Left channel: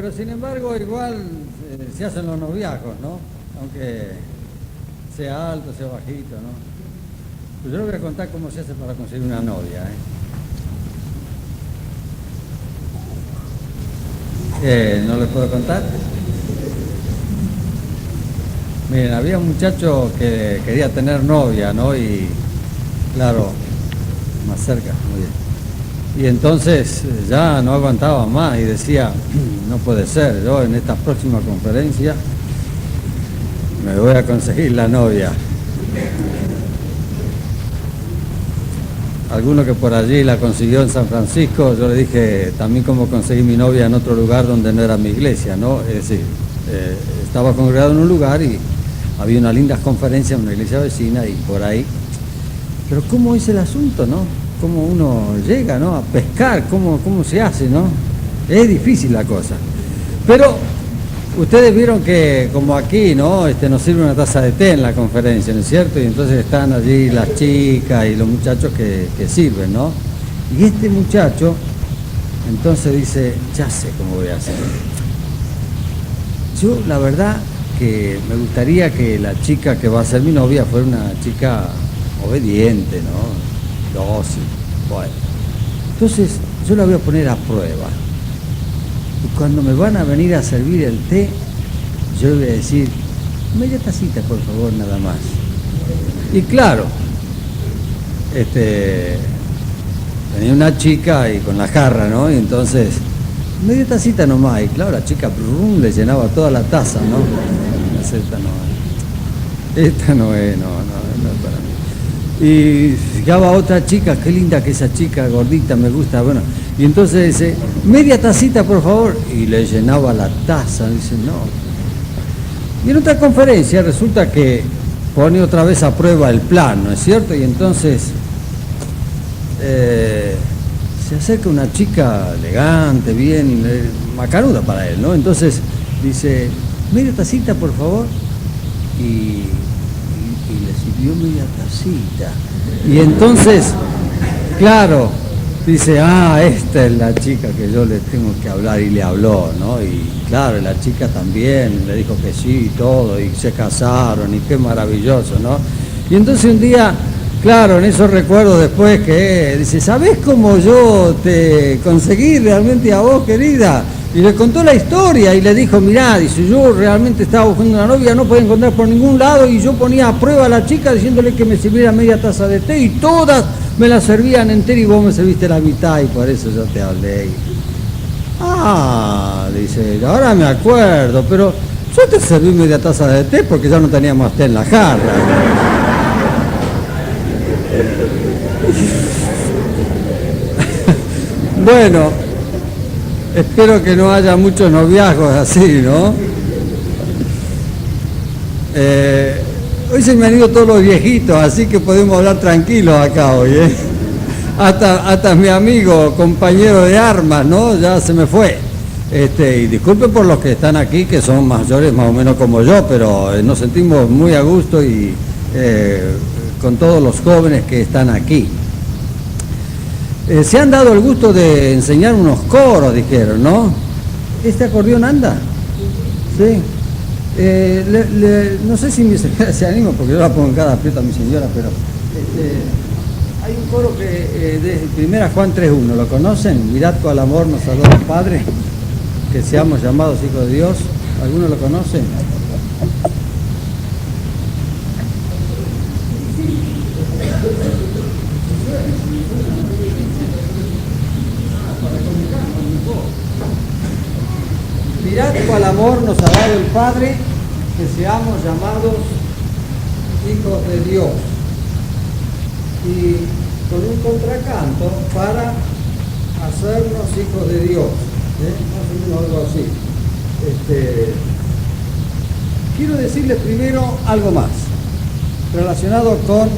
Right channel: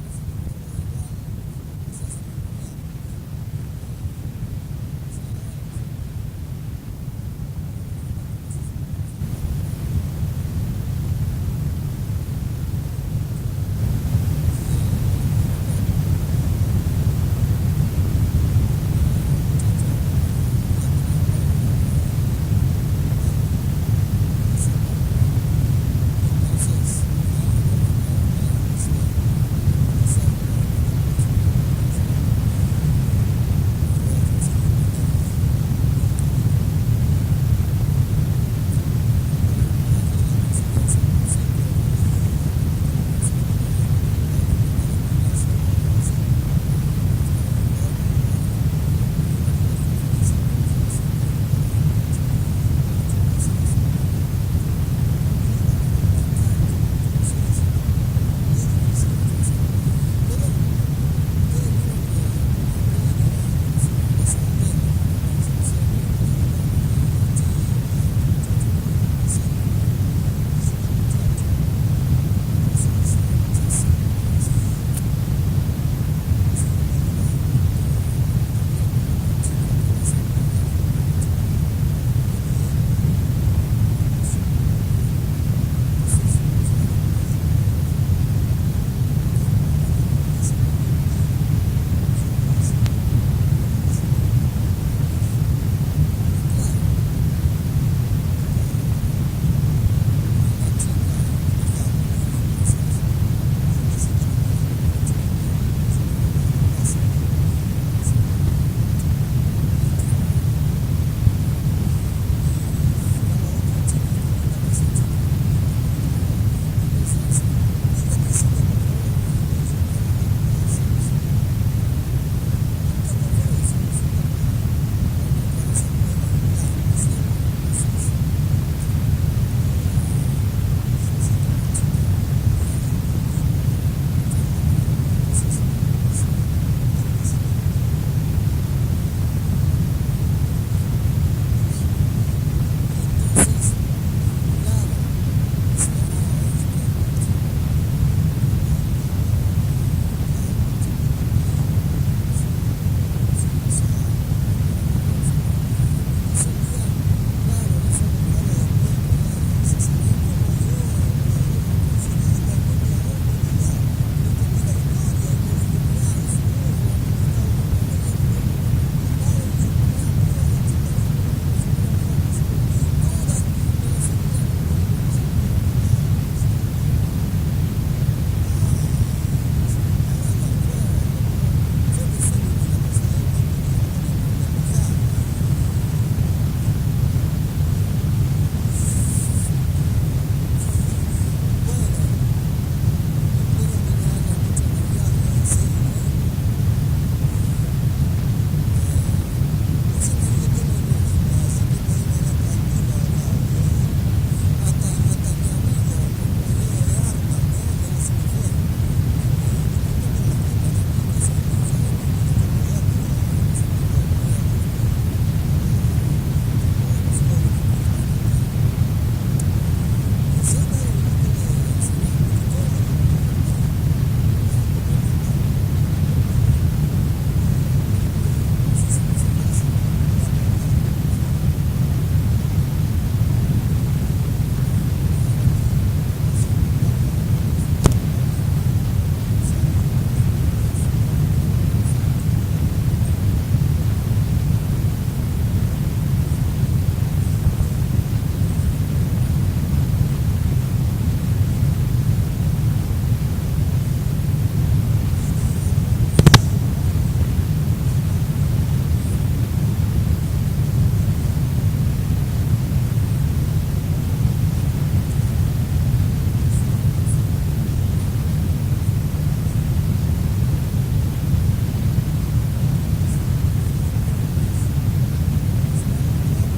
pero sin embargo igual se hacen los noviazgos, ¿no? Aunque sea alto, sea bajito, ¿no? Pues yo les voy a contar cómo se hace para conseguir una novia, ¿No les puedo contar? Miren, había un muchacho que quería tener novia, ¿no? Y claro, más cerca, muy bien. Y entonces ya no aguantaba más y decía, no puede ser, yo en esta próxima conferencia me voy a conseguir la novia. Alguno que por allí la consiguió en San Francisco, yo le dije también cómo conseguí mi novia en otro lugar donde no era mi iglesia, ¿no? Es decir, estaba congregado en un lugar y había unas lindas conferencias en una iglesia vecina y por ahí. Pero ¿cómo es el asunto, no? ¿Cómo uno llega, no? A pescar, ¿cómo se hace, no? Es difícil la cosa. Pero ustedes vieron que como aquí, ¿no? Nos sirve una taza de té en la conferencia, ¿no es cierto? Y entonces están allí las chicas y los muchachos que sirven, ¿no? Y este muchacho entonces dice, ya sé cómo voy a hacer. Yo la verdad que me gustaría que la chica que va a ser mi novia fuera una chica obediente, ¿no? Dócil. Bueno. Entonces yo la voy a poner a prueba. Y cuando me van a venir a servir el té, yo le voy a decir, media tacita por favor, nada más. Y claro, venía una chica y con la jarra, ¿no? Y entonces, media tacita nomás. Y claro, la chica brum, le llenaba toda la taza, ¿no? Esta no es para mí. Y llegaba otra chica, qué linda que esa chica, gordita, me gusta, bueno. Y entonces dice, media tacita por favor, y le llenaba la taza, dice, no. Y en otra conferencia resulta que pone otra vez a prueba el plan, ¿no es cierto? Y entonces se acerca una chica elegante, bien, macanuda para él, ¿no? Entonces dice, media tacita por favor, y le sirvió media tacita. Y entonces, claro, dice, esta es la chica que yo le tengo que hablar, y le habló, ¿no? Y claro, la chica también le dijo que sí y todo, y se casaron, y qué maravilloso, ¿no? Y entonces un día, claro, en esos recuerdos después que dice, ¿sabés cómo yo te conseguí realmente a vos, querida? Y le contó la historia y le dijo, mirá, dice, yo realmente estaba buscando una novia, no podía encontrar por ningún lado, y yo ponía a prueba a la chica diciéndole que me sirviera media taza de té, y todas me la servían entera y vos me serviste la mitad, y por eso yo te hablé. Dice, ahora me acuerdo, pero yo te serví media taza de té porque ya no tenía más té en la jarra. Bueno, espero que no haya muchos noviazgos así, ¿no? Hoy se me han ido todos los viejitos, así que podemos hablar tranquilos acá hoy, ¿eh? Hasta mi amigo, compañero de armas, ¿no? Ya se me fue. Y disculpen por los que están aquí, que son mayores más o menos como yo, pero nos sentimos muy a gusto y con todos los jóvenes que están aquí. Se han dado el gusto de enseñar unos coros, dijeron, ¿no? ¿Este acordeón anda? Sí. No sé si mi señora se anima, porque yo la pongo en cada aprieto a mi señora, pero hay un coro que de primera Juan 3.1, ¿lo conocen? Mirad cuál amor nos ha dado el Padre, que seamos llamados hijos de Dios. ¿Algunos lo conocen? Mirad cuál amor nos ha dado el Padre, que seamos llamados hijos de Dios. Y con un contracanto para hacernos hijos de Dios. Algo así. Quiero decirles primero algo más relacionado con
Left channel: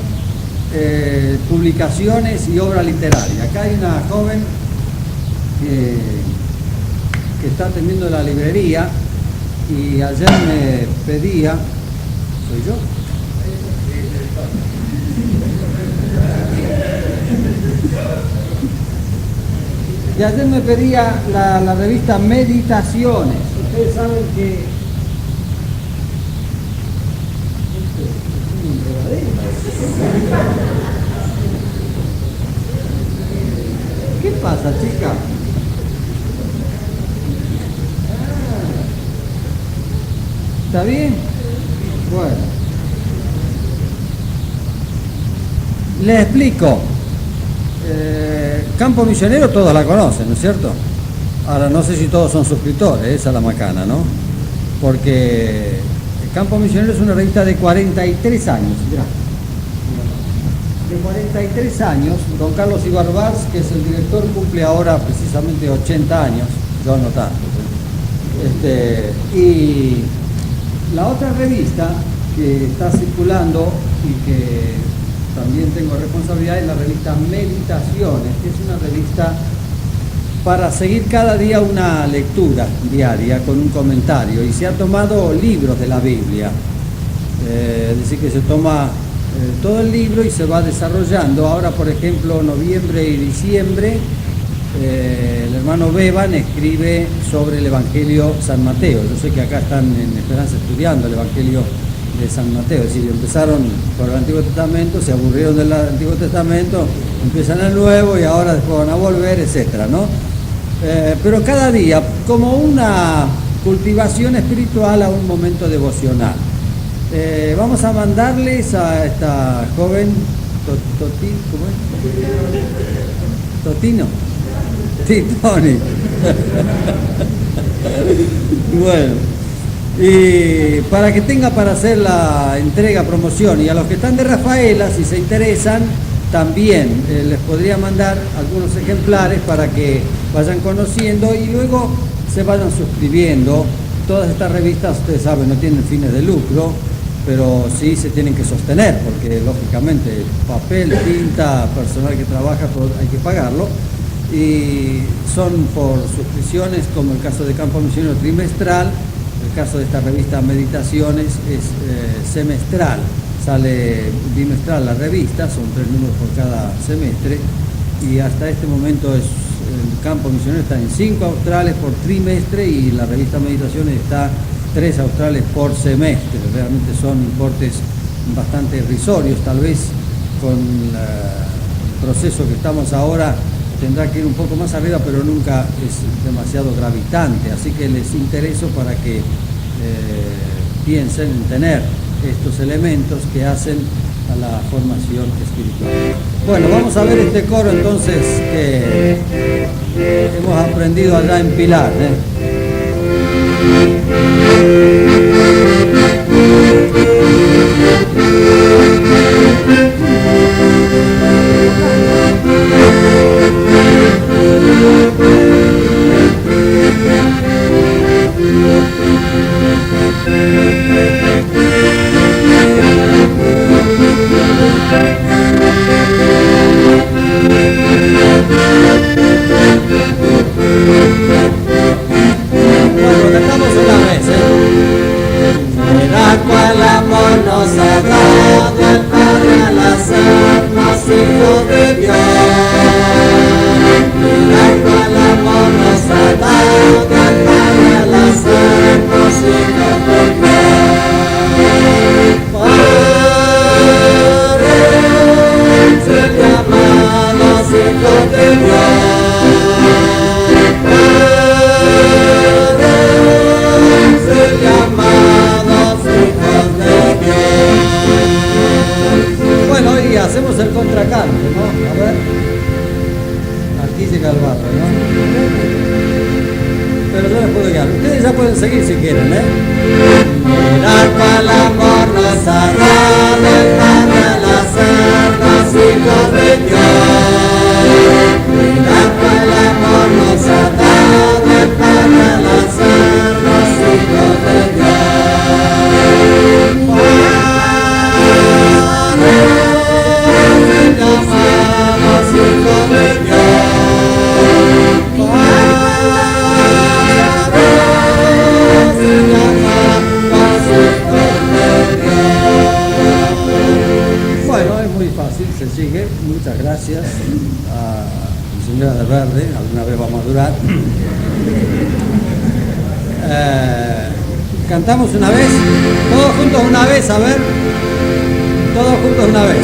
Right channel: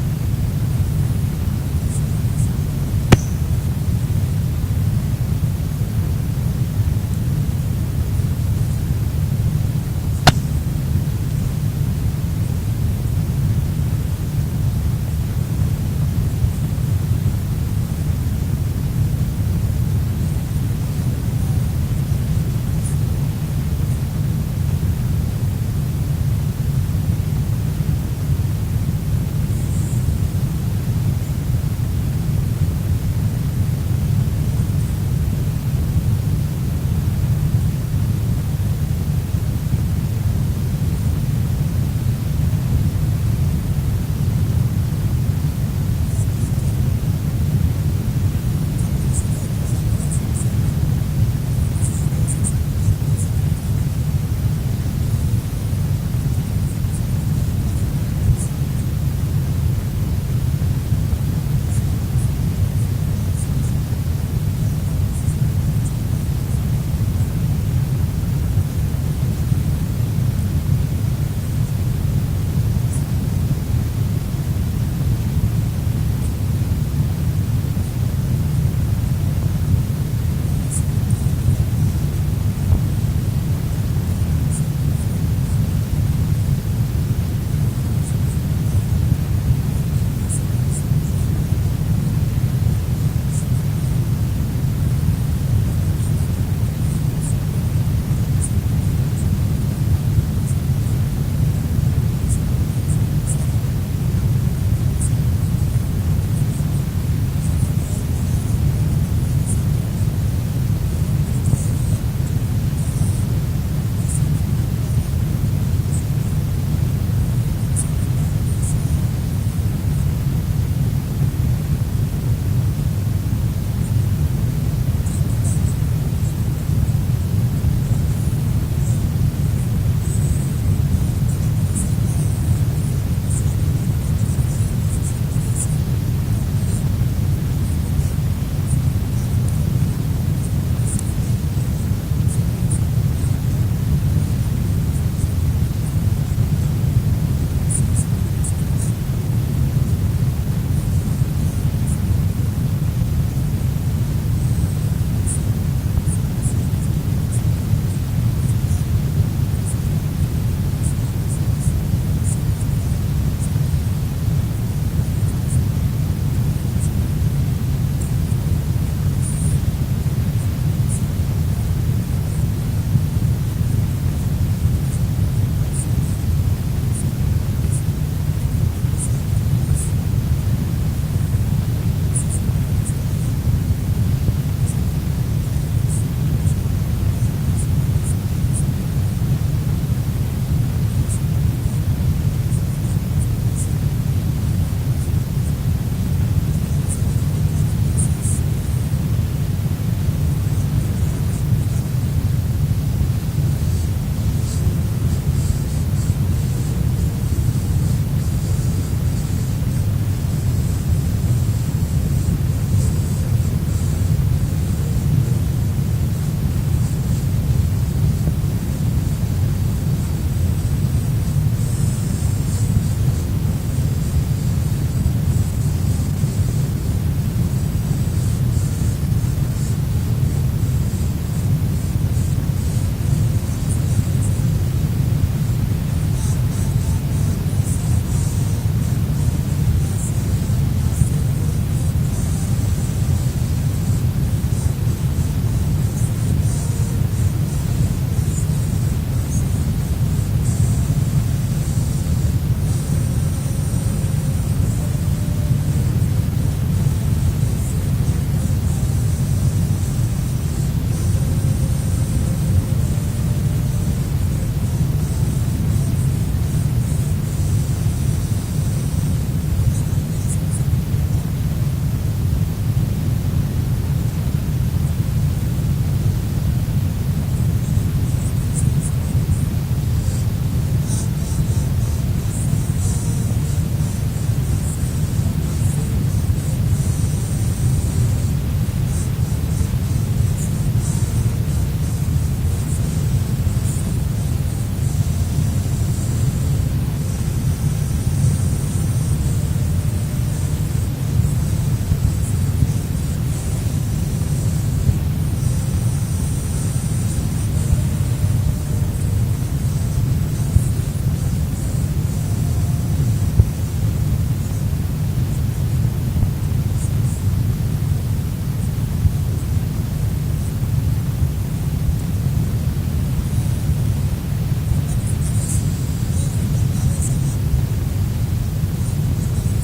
publicaciones y obra literaria. Acá hay una joven que está atendiendo la librería y ayer me pedía, ¿soy yo? Y ayer me pedía la revista Meditaciones. Ustedes saben que... ¿Qué pasa, chica? ¿Está bien? Bueno. Les explico. Campo Misionero todos la conocen, ¿no es cierto? Ahora no sé si todos son suscriptores, esa es la macana, ¿no? Porque Campo Misionero es una revista de 43 años, mirá. De 43 años, don Carlos Ibarbars, que es el director, cumple ahora precisamente 80 años, yo no tanto. Y la otra revista que está circulando y que también tengo responsabilidad es la revista Meditaciones, que es una revista para seguir cada día una lectura diaria con un comentario, y se ha tomado libros de la Biblia, es decir, que se toma todo el libro y se va desarrollando. Ahora, por ejemplo, noviembre y diciembre, el hermano Beban escribe sobre el Evangelio San Mateo. Yo sé que acá están en Esperanza estudiando el Evangelio de San Mateo, es decir, empezaron por el Antiguo Testamento, se aburrieron del Antiguo Testamento, empiezan el Nuevo y ahora después van a volver, etcétera, ¿no? Pero cada día como una cultivación espiritual a un momento devocional. Vamos a mandarles a esta joven ¿cómo es? Totino. Tony. Bueno, y para que tenga para hacer la entrega, promoción, y a los que están de Rafaela, si se interesan, también les podría mandar algunos ejemplares para que vayan conociendo y luego se vayan suscribiendo. Todas estas revistas, ustedes saben, no tienen fines de lucro, pero sí se tienen que sostener, porque lógicamente papel, tinta, personal que trabaja, hay que pagarlo, y son por suscripciones, como el caso de Campo Misionero trimestral. El caso de esta revista Meditaciones es semestral, sale bimestral la revista, son 3 números por cada semestre, y hasta este momento el Campo Misionero está en 5 australes por trimestre y la revista Meditaciones está 3 australes por semestre. Realmente son importes bastante irrisorios, tal vez con el proceso que estamos ahora tendrá que ir un poco más arriba, pero nunca es demasiado gravitante, así que les intereso para que piensen en tener estos elementos que hacen a la formación espiritual. Bueno, vamos a ver este coro entonces que hemos aprendido allá en Pilar, Bueno, cantamos una vez, Mira cuál amor nos ha dado el Padre al hacernos hijos de Dios. Mira cuál amor nos ha dado el Padre al hacernos hijos de Dios. Padre, ser llamados hijos de Dios. Hacemos el contracanto, ¿no? A ver. Aquí llega el barro, ¿no? Pero yo les puedo guiar. Ustedes ya pueden seguir si quieren, ¿eh? Mirad cuál amor nos ha dado el Padre al hacernos hijos de Dios. Mirad cuál amor nos ha dado el Padre al hacernos hijos de Dios. Padre, Banderas de Verde, alguna vez va a madurar. Cantamos una vez, todos juntos una vez, a ver, todos juntos una vez.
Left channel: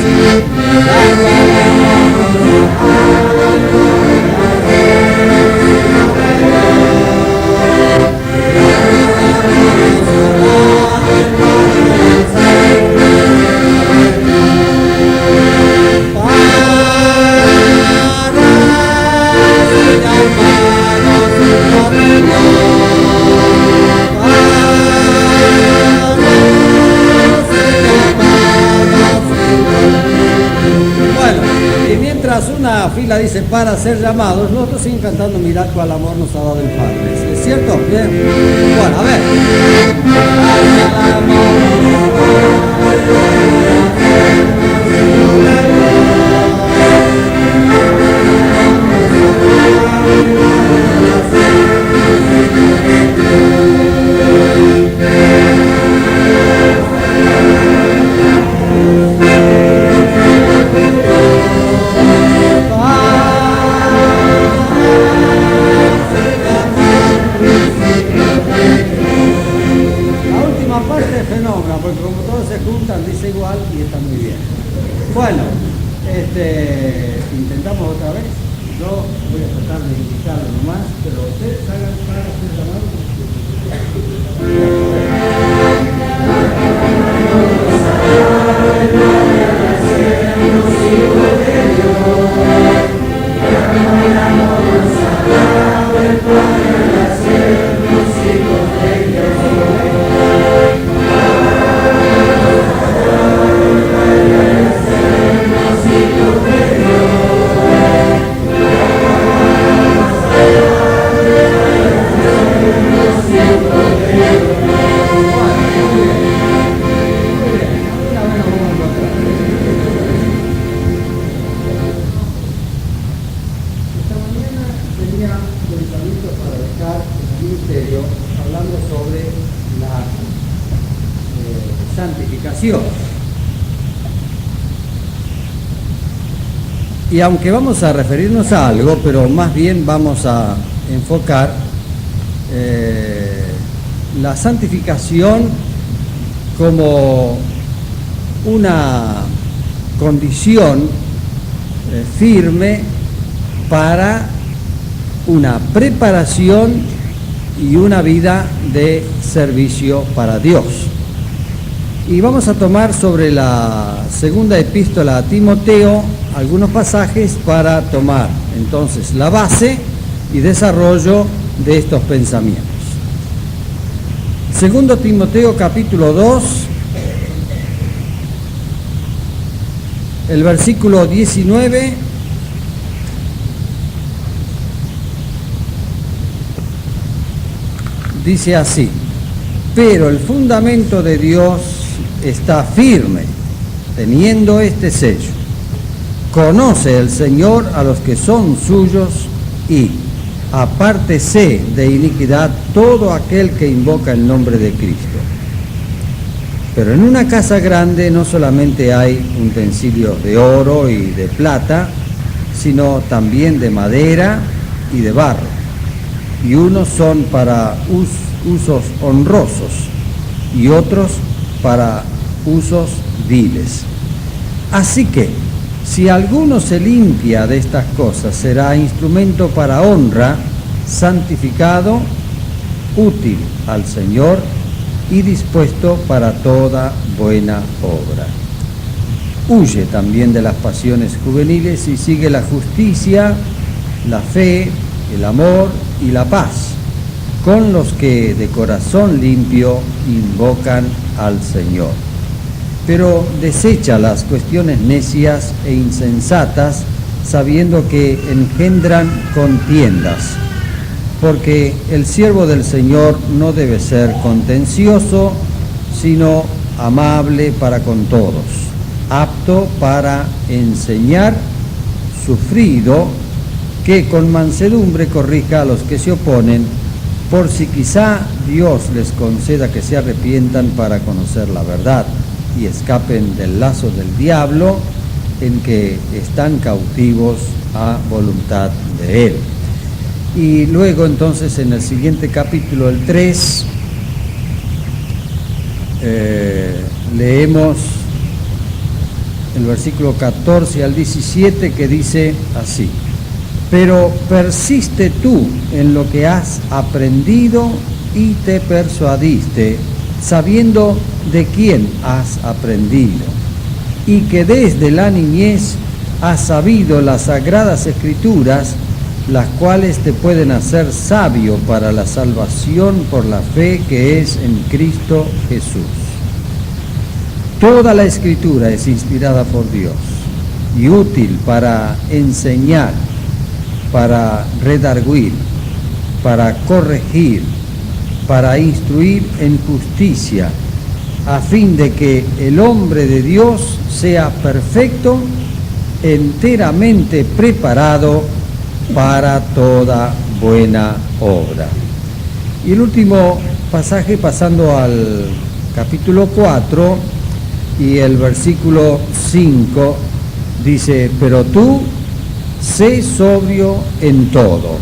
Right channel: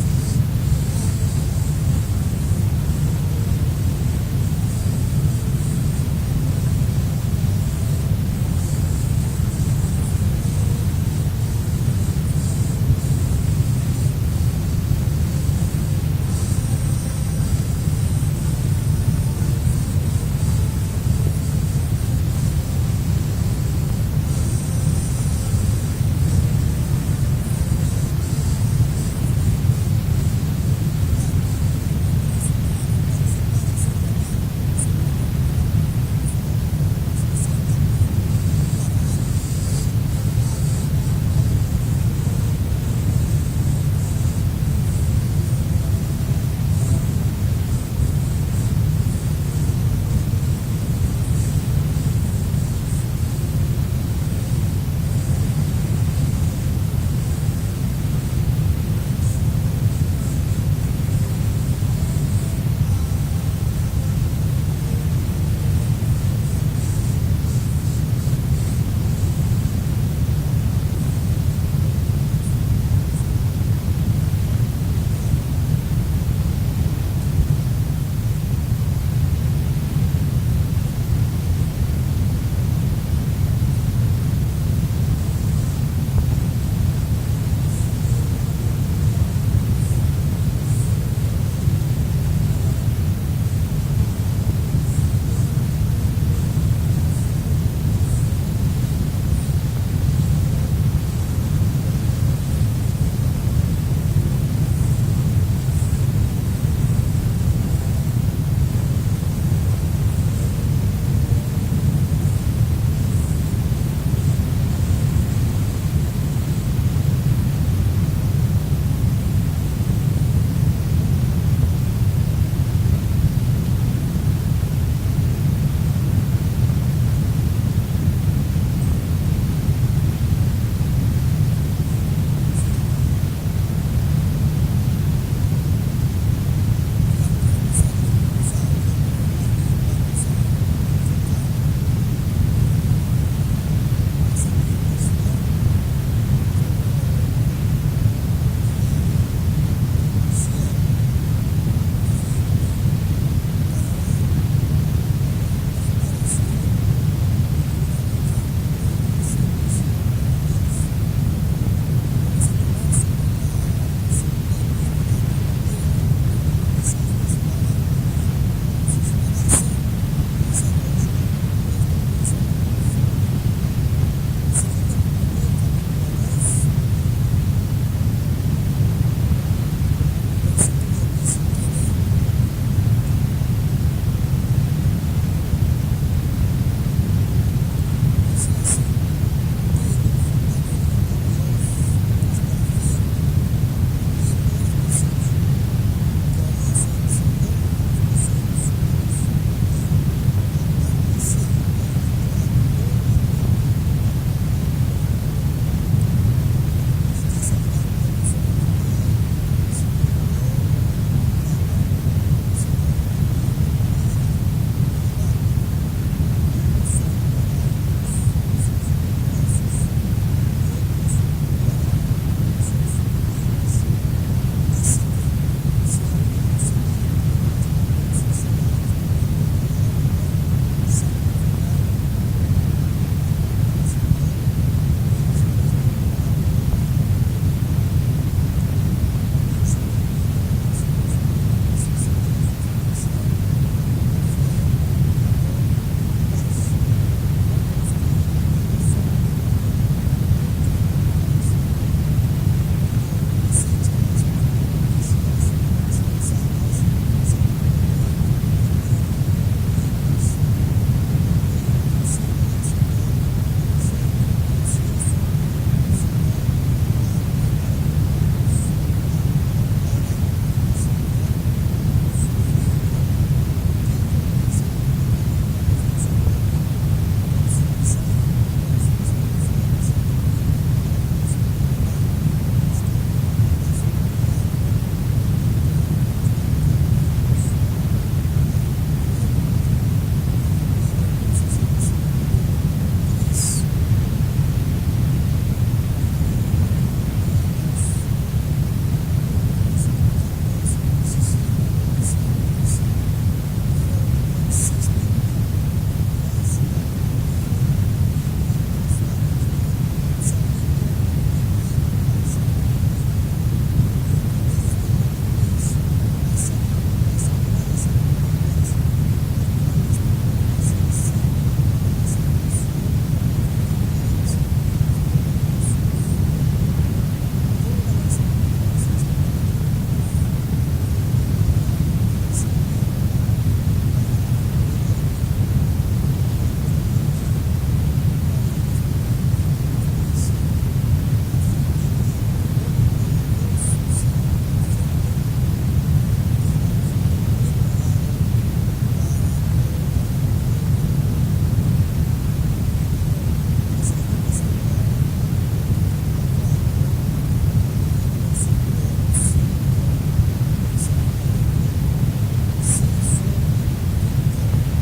Una fila dice para ser llamados, nosotros siguen cantando mirad cuál amor nos ha dado el Padre. ¿Es cierto? Bien. Bueno, a ver. Dice igual y está muy bien. Bueno, intentamos otra vez. Yo voy a tratar de indicarlo nomás, pero ustedes hagan para hacer llamado. Hablando sobre la santificación. Y aunque vamos a referirnos a algo, pero más bien vamos a enfocar la santificación como una condición firme para una preparación y una vida de servicio para Dios. Y vamos a tomar sobre la segunda epístola a Timoteo algunos pasajes para tomar entonces la base y desarrollo de estos pensamientos. Segundo Timoteo capítulo 2, el versículo 19. Dice así: pero el fundamento de Dios está firme, teniendo este sello. Conoce el Señor a los que son suyos y apártese de iniquidad todo aquel que invoca el nombre de Cristo. Pero en una casa grande no solamente hay utensilios de oro y de plata, sino también de madera y de barro. Y unos son para usos honrosos y otros para usos viles. Así que, si alguno se limpia de estas cosas, será instrumento para honra, santificado, útil al Señor y dispuesto para toda buena obra. Huye también de las pasiones juveniles y sigue la justicia, la fe, el amor y la paz, con los que de corazón limpio invocan al Señor. Pero desecha las cuestiones necias e insensatas, sabiendo que engendran contiendas, porque el siervo del Señor no debe ser contencioso, sino amable para con todos, apto para enseñar, sufrido, que con mansedumbre corrija a los que se oponen, por si quizá Dios les conceda que se arrepientan para conocer la verdad y escapen del lazo del diablo en que están cautivos a voluntad de Él. Y luego entonces en el siguiente capítulo, el 3, leemos el versículo 14 al 17 que dice así: pero persiste tú en lo que has aprendido y te persuadiste, sabiendo de quién has aprendido, y que desde la niñez has sabido las sagradas escrituras, las cuales te pueden hacer sabio para la salvación por la fe que es en Cristo Jesús. Toda la escritura es inspirada por Dios y útil para enseñar, para redarguir, para corregir, para instruir en justicia, a fin de que el hombre de Dios sea perfecto, enteramente preparado para toda buena obra. Y el último pasaje, pasando al capítulo 4 y el versículo 5, dice: pero tú sé sobrio en todo,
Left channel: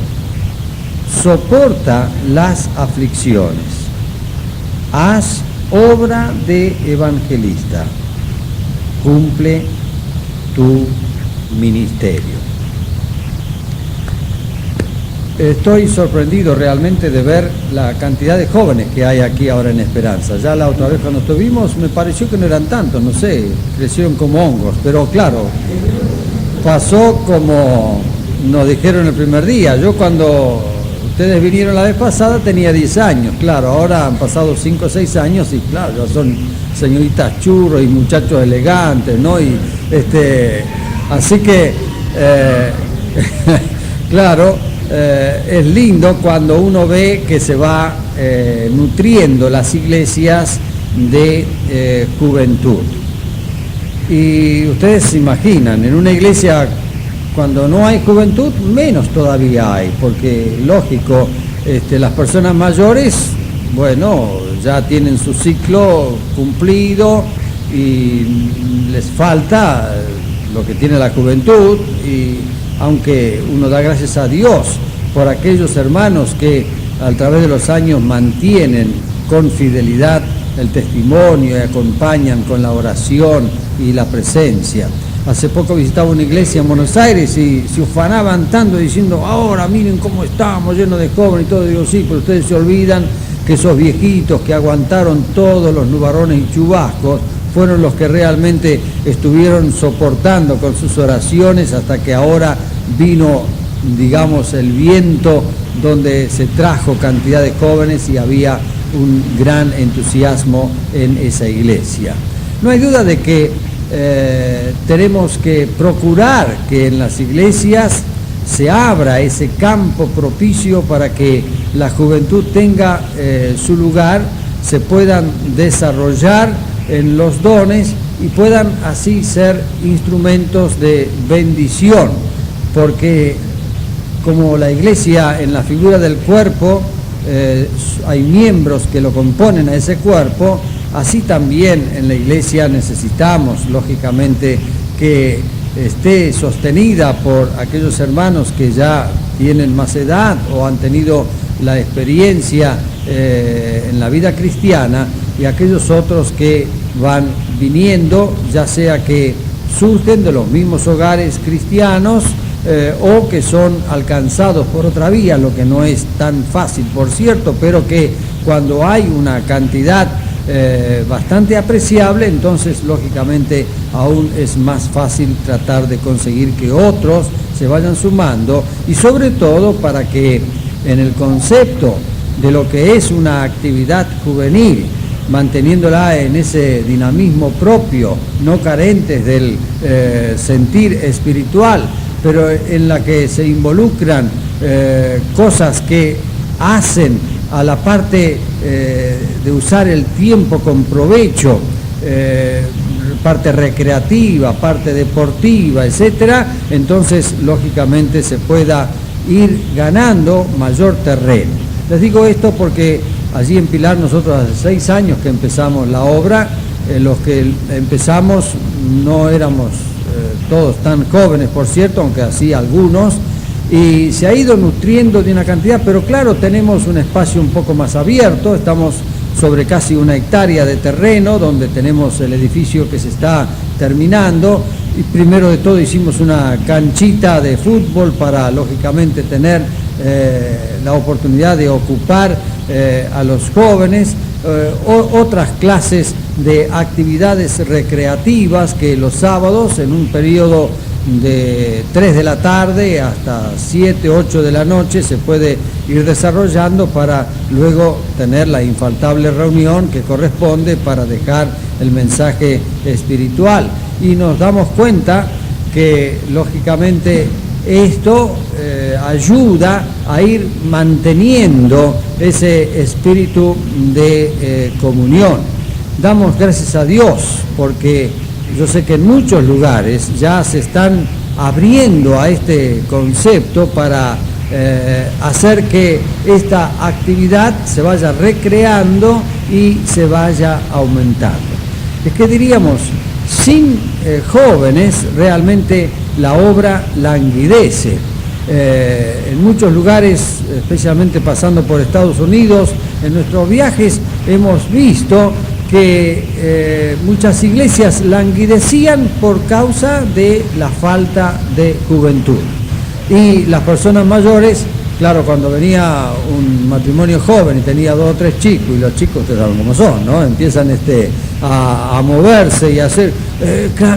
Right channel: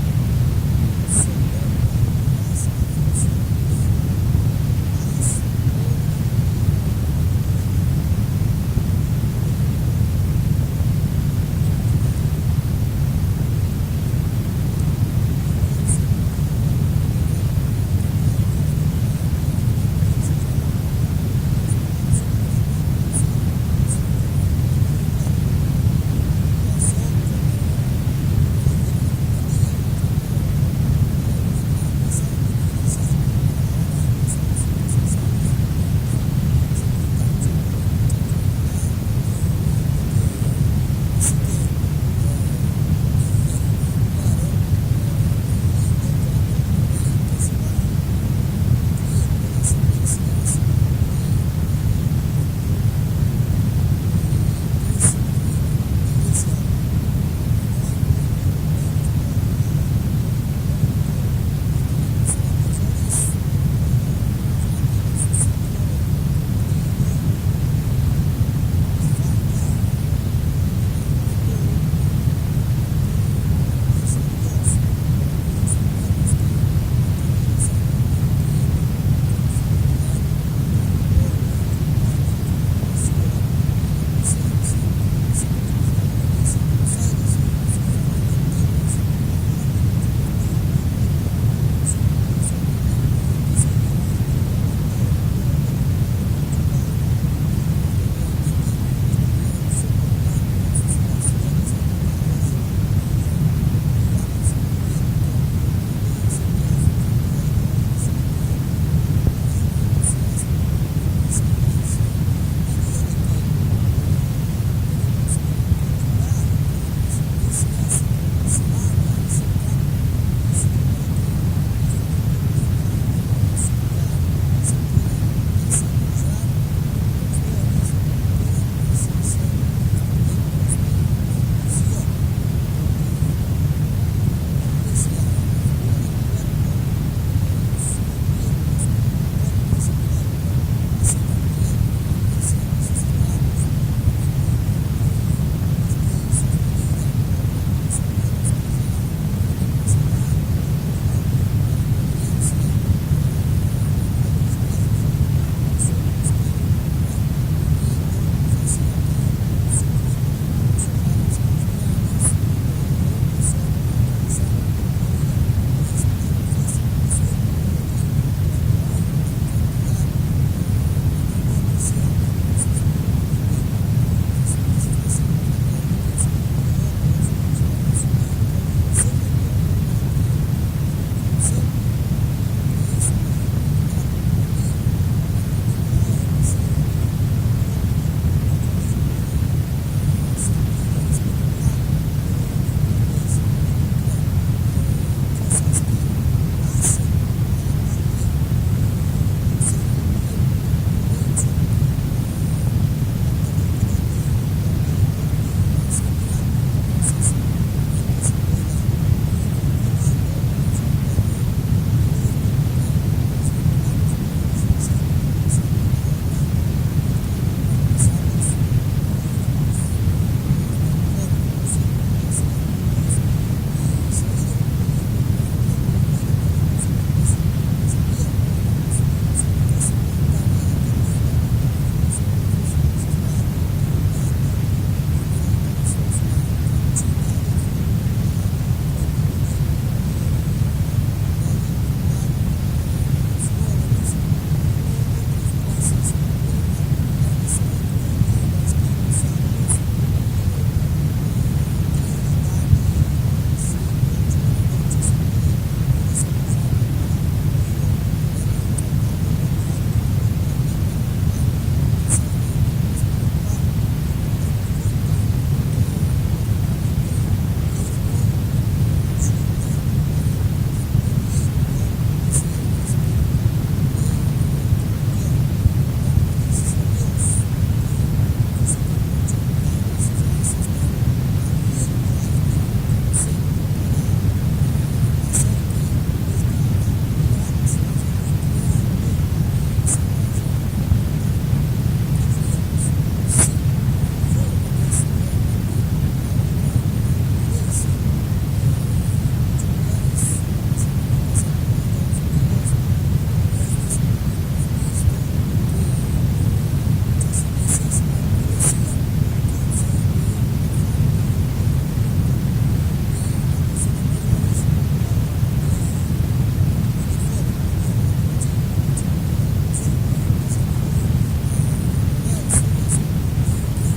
soporta las aflicciones, haz obra de evangelista, cumple tu ministerio. Estoy sorprendido realmente de ver la cantidad de jóvenes que hay aquí ahora en Esperanza. Ya la otra vez cuando estuvimos me pareció que no eran tantos, no sé, crecieron como hongos, pero claro, pasó como nos dijeron el primer día. Yo cuando ustedes vinieron la vez pasada tenía 10 años, claro, ahora han pasado 5 o 6 años y claro, ya son señoritas churros y muchachos elegantes, ¿no? Y así que, claro, es lindo cuando uno ve que se va nutriendo las iglesias de juventud. Y ustedes se imaginan, en una iglesia cuando no hay juventud, menos todavía hay, porque lógico, las personas mayores, bueno, ya tienen su ciclo cumplido y les falta lo que tiene la juventud, y aunque uno da gracias a Dios por aquellos hermanos que a través de los años mantienen con fidelidad el testimonio y acompañan con la oración y la presencia. Hace poco visitaba una iglesia en Buenos Aires y se ufanaban tanto diciendo: ahora miren cómo estamos, llenos de jóvenes y todo. Digo, sí, pero ustedes se olvidan que esos viejitos que aguantaron todos los nubarrones y chubascos fueron los que realmente estuvieron soportando con sus oraciones hasta que ahora vino, digamos, el viento donde se trajo cantidad de jóvenes y había un gran entusiasmo en esa iglesia. No hay duda de que tenemos que procurar que en las iglesias se abra ese campo propicio para que la juventud tenga su lugar, se puedan desarrollar en los dones y puedan así ser instrumentos de bendición, porque como la iglesia en la figura del cuerpo, hay miembros que lo componen a ese cuerpo, así también en la iglesia necesitamos, lógicamente, que esté sostenida por aquellos hermanos que ya tienen más edad o han tenido la experiencia en la vida cristiana, y aquellos otros que van viniendo, ya sea que surgen de los mismos hogares cristianos o que son alcanzados por otra vía, lo que no es tan fácil, por cierto, pero que cuando hay una cantidad bastante apreciable, entonces lógicamente aún es más fácil tratar de conseguir que otros se vayan sumando, y sobre todo para que en el concepto de lo que es una actividad juvenil, manteniéndola en ese dinamismo propio, no carentes del sentir espiritual, pero en la que se involucran cosas que hacen a la parte de usar el tiempo con provecho, parte recreativa, parte deportiva, etcétera, entonces lógicamente se pueda ir ganando mayor terreno. Les digo esto porque allí en Pilar nosotros hace 6 años que empezamos la obra, los que empezamos no éramos todos tan jóvenes, por cierto, aunque así algunos, y se ha ido nutriendo de una cantidad, pero claro, tenemos un espacio un poco más abierto, estamos sobre casi 1 hectárea de terreno, donde tenemos el edificio que se está terminando, y primero de todo hicimos una canchita de fútbol para, lógicamente, tener la oportunidad de ocupar a los jóvenes, otras clases de actividades recreativas que los sábados, en un periodo de 3 de la tarde hasta 7, 8 de la noche, se puede ir desarrollando para luego tener la infaltable reunión que corresponde para dejar el mensaje espiritual. Y nos damos cuenta que, lógicamente, esto ayuda a ir manteniendo ese espíritu de comunión. Damos gracias a Dios porque yo sé que en muchos lugares ya se están abriendo a este concepto para hacer que esta actividad se vaya recreando y se vaya aumentando. Es que diríamos, sin jóvenes realmente la obra languidece. En muchos lugares, especialmente pasando por Estados Unidos, en nuestros viajes hemos visto que muchas iglesias languidecían por causa de la falta de juventud. Y las personas mayores, claro, cuando venía un matrimonio joven y tenía 2 o 3 chicos, y los chicos, ustedes saben cómo son, ¿no? Empiezan a moverse y a hacer,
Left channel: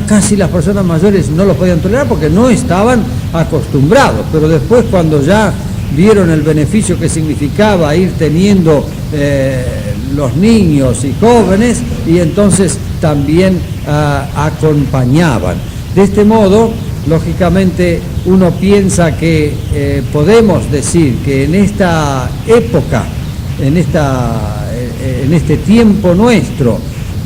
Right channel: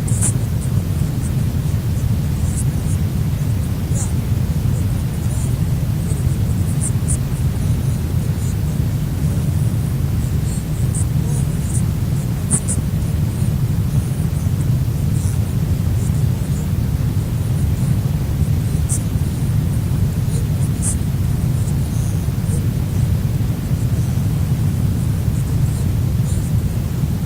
casi las personas mayores no lo podían tolerar porque no estaban acostumbrados, pero después, cuando ya vieron el beneficio que significaba ir teniendo los niños y jóvenes, y entonces también acompañaban. De este modo, lógicamente, uno piensa que podemos decir que en esta época, en este tiempo nuestro,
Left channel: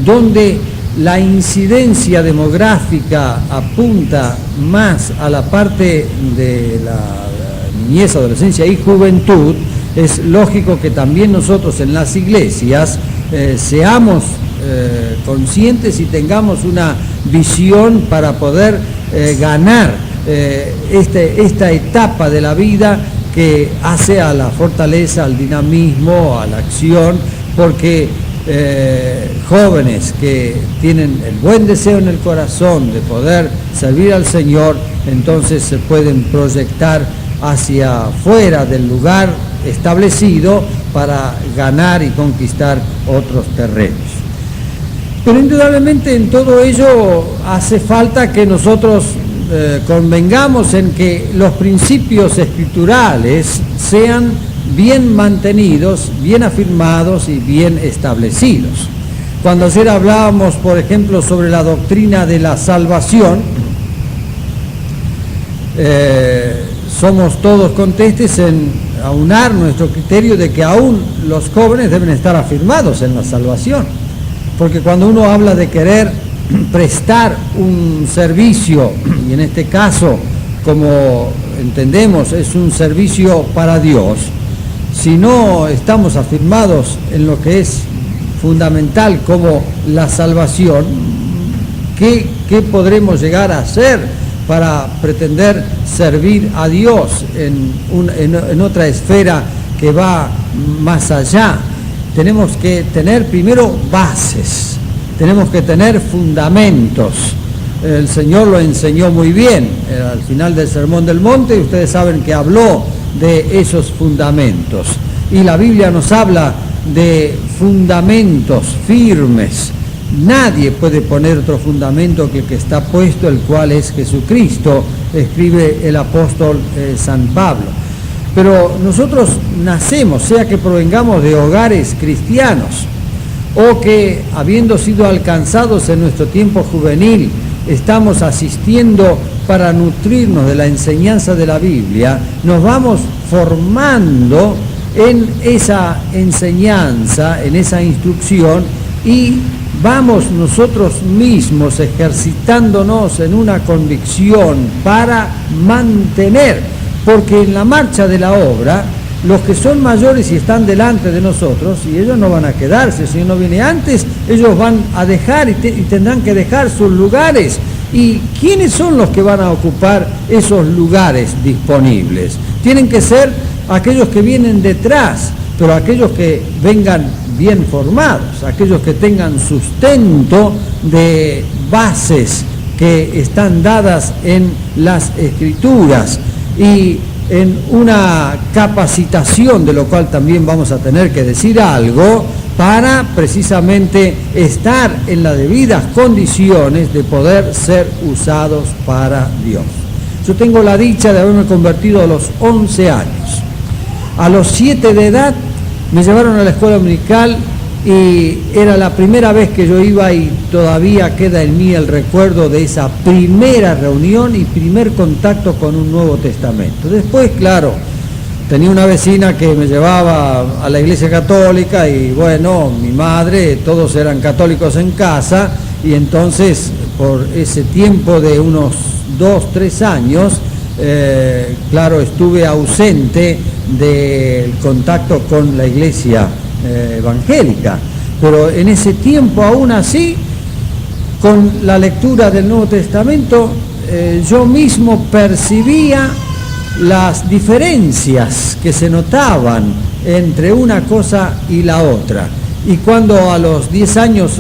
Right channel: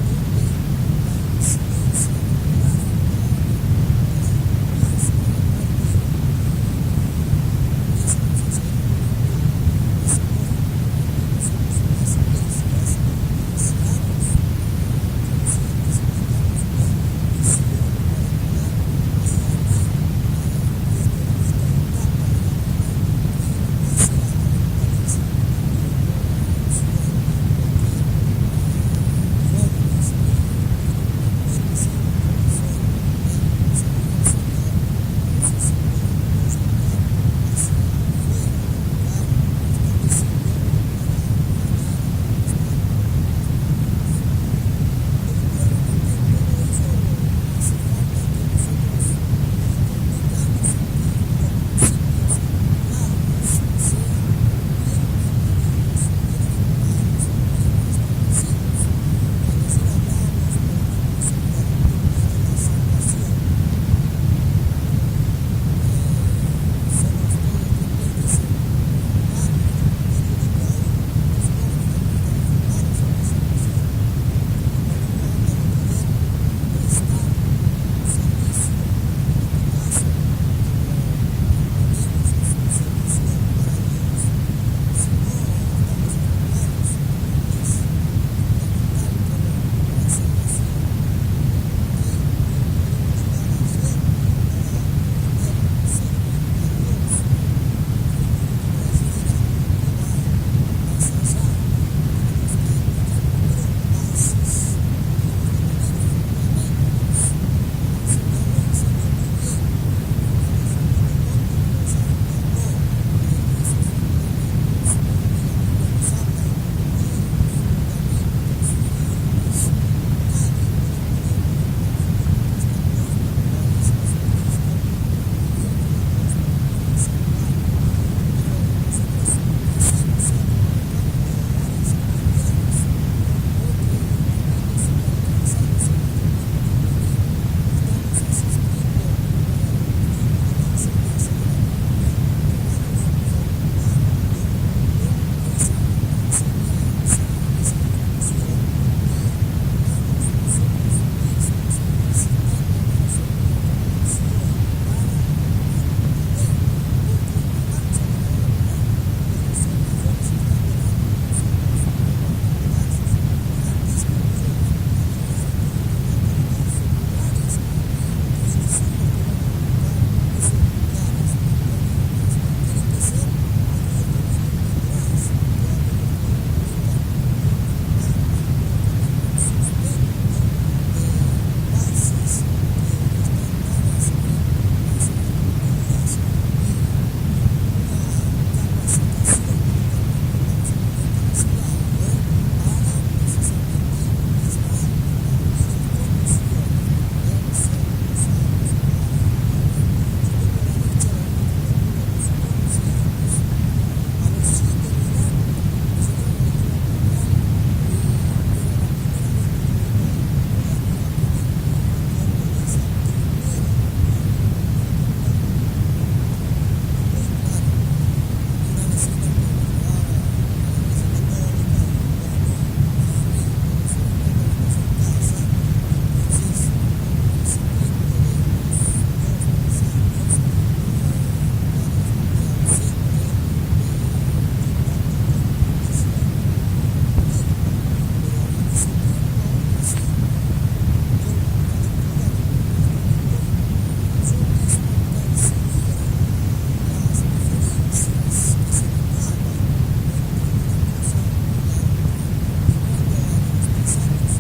donde la incidencia demográfica apunta más a la parte de la niñez, adolescencia y juventud, es lógico que también nosotros en las iglesias seamos conscientes y tengamos una visión para poder ganar esta etapa de la vida que hace a la fortaleza, al dinamismo, a la acción, porque jóvenes que tienen el buen deseo en el corazón de poder servir al Señor, entonces se pueden proyectar hacia fuera del lugar establecido para ganar y conquistar otros terrenos. Pero indudablemente en todo ello hace falta que nosotros convengamos en que los principios escriturales sean bien mantenidos, bien afirmados y bien establecidos. Cuando ayer hablábamos, por ejemplo, sobre la doctrina de la salvación, somos todos contestes en aunar nuestro criterio de que aún los jóvenes deben estar afirmados en la salvación, porque cuando uno habla de querer prestar un servicio, y en este caso, como entendemos, es un servicio para Dios, si no estamos afirmados en lo que es fundamental como la salvación, ¿qué podremos llegar a hacer para pretender servir a Dios en otra esfera que va más allá? Tenemos que tener primero bases, tenemos que tener fundamentos. El Señor lo enseñó muy bien al final del Sermón del Monte, y ustedes saben que habló de esos fundamentos. Y la Biblia nos habla de fundamentos firmes. Nadie puede poner otro fundamento que el que está puesto, el cual es Jesucristo, escribe el apóstol San Pablo. Pero nosotros nacemos, sea que provengamos de hogares cristianos, o que habiendo sido alcanzados en nuestro tiempo juvenil, estamos asistiendo para nutrirnos de la enseñanza de la Biblia, nos vamos formando en esa enseñanza, en esa instrucción, y vamos nosotros mismos ejercitándonos en una convicción para mantener, porque en la marcha de la obra, los que son mayores y están delante de nosotros, y ellos no van a quedarse, si uno viene antes, ellos van a dejar y tendrán que dejar sus lugares, ¿Y quiénes son los que van a ocupar esos lugares disponibles? Tienen que ser aquellos que vienen detrás, pero aquellos que vengan bien formados, aquellos que tengan sustento de bases que están dadas en las Escrituras y en una capacitación, de lo cual también vamos a tener que decir algo, para precisamente estar en las debidas condiciones de poder ser usados para Dios. Yo tengo la dicha de haberme convertido a los 11 años. A los 7 de edad me llevaron a la escuela dominical y era la primera vez que yo iba, y todavía queda en mí el recuerdo de esa primera reunión y primer contacto con un Nuevo Testamento. Después, claro, tenía una vecina que me llevaba a la iglesia católica y bueno, mi madre, todos eran católicos en casa, y entonces por ese tiempo de unos 2-3 años, claro, estuve ausente del contacto con la iglesia evangélica, pero en ese tiempo aún así, con la lectura del Nuevo Testamento, yo mismo percibía las diferencias que se notaban entre una cosa y la otra. Y cuando a los 10 años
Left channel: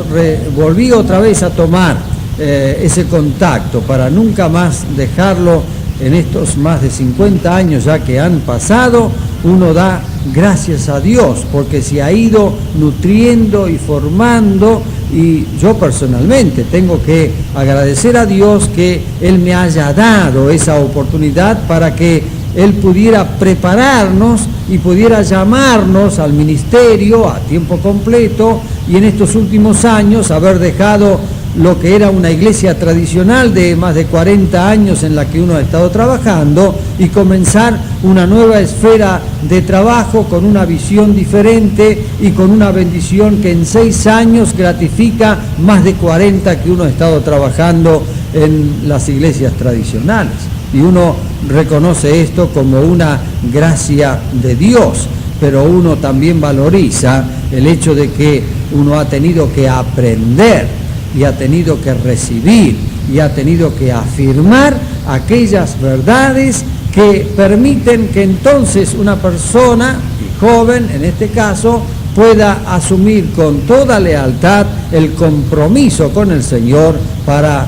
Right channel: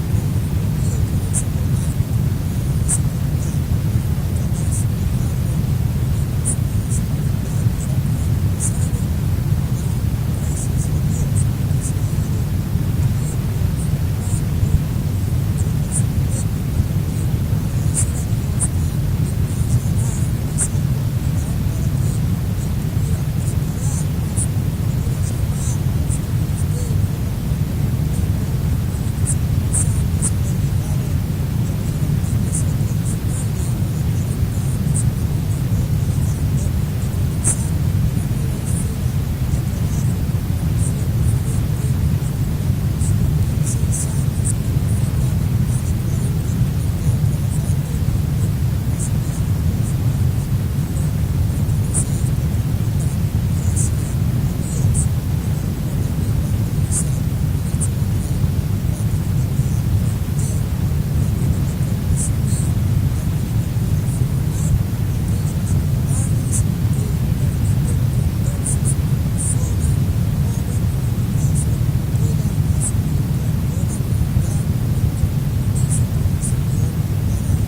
volví otra vez a tomar ese contacto para nunca más dejarlo, en estos más de 50 años ya que han pasado, uno da gracias a Dios porque se ha ido nutriendo y formando, y yo personalmente tengo que agradecer a Dios que Él me haya dado esa oportunidad para que Él pudiera prepararnos y pudiera llamarnos al ministerio a tiempo completo, y en estos últimos años haber dejado lo que era una iglesia tradicional de más de 40 años en la que uno ha estado trabajando, y comenzar una nueva esfera de trabajo con una visión diferente y con una bendición que en 6 años gratifica más de 40 que uno ha estado trabajando en las iglesias tradicionales. Y uno reconoce esto como una gracia de Dios, pero uno también valoriza el hecho de que uno ha tenido que aprender y ha tenido que recibir y ha tenido que afirmar aquellas verdades que permiten que entonces una persona, joven en este caso, pueda asumir con toda lealtad el compromiso con el Señor para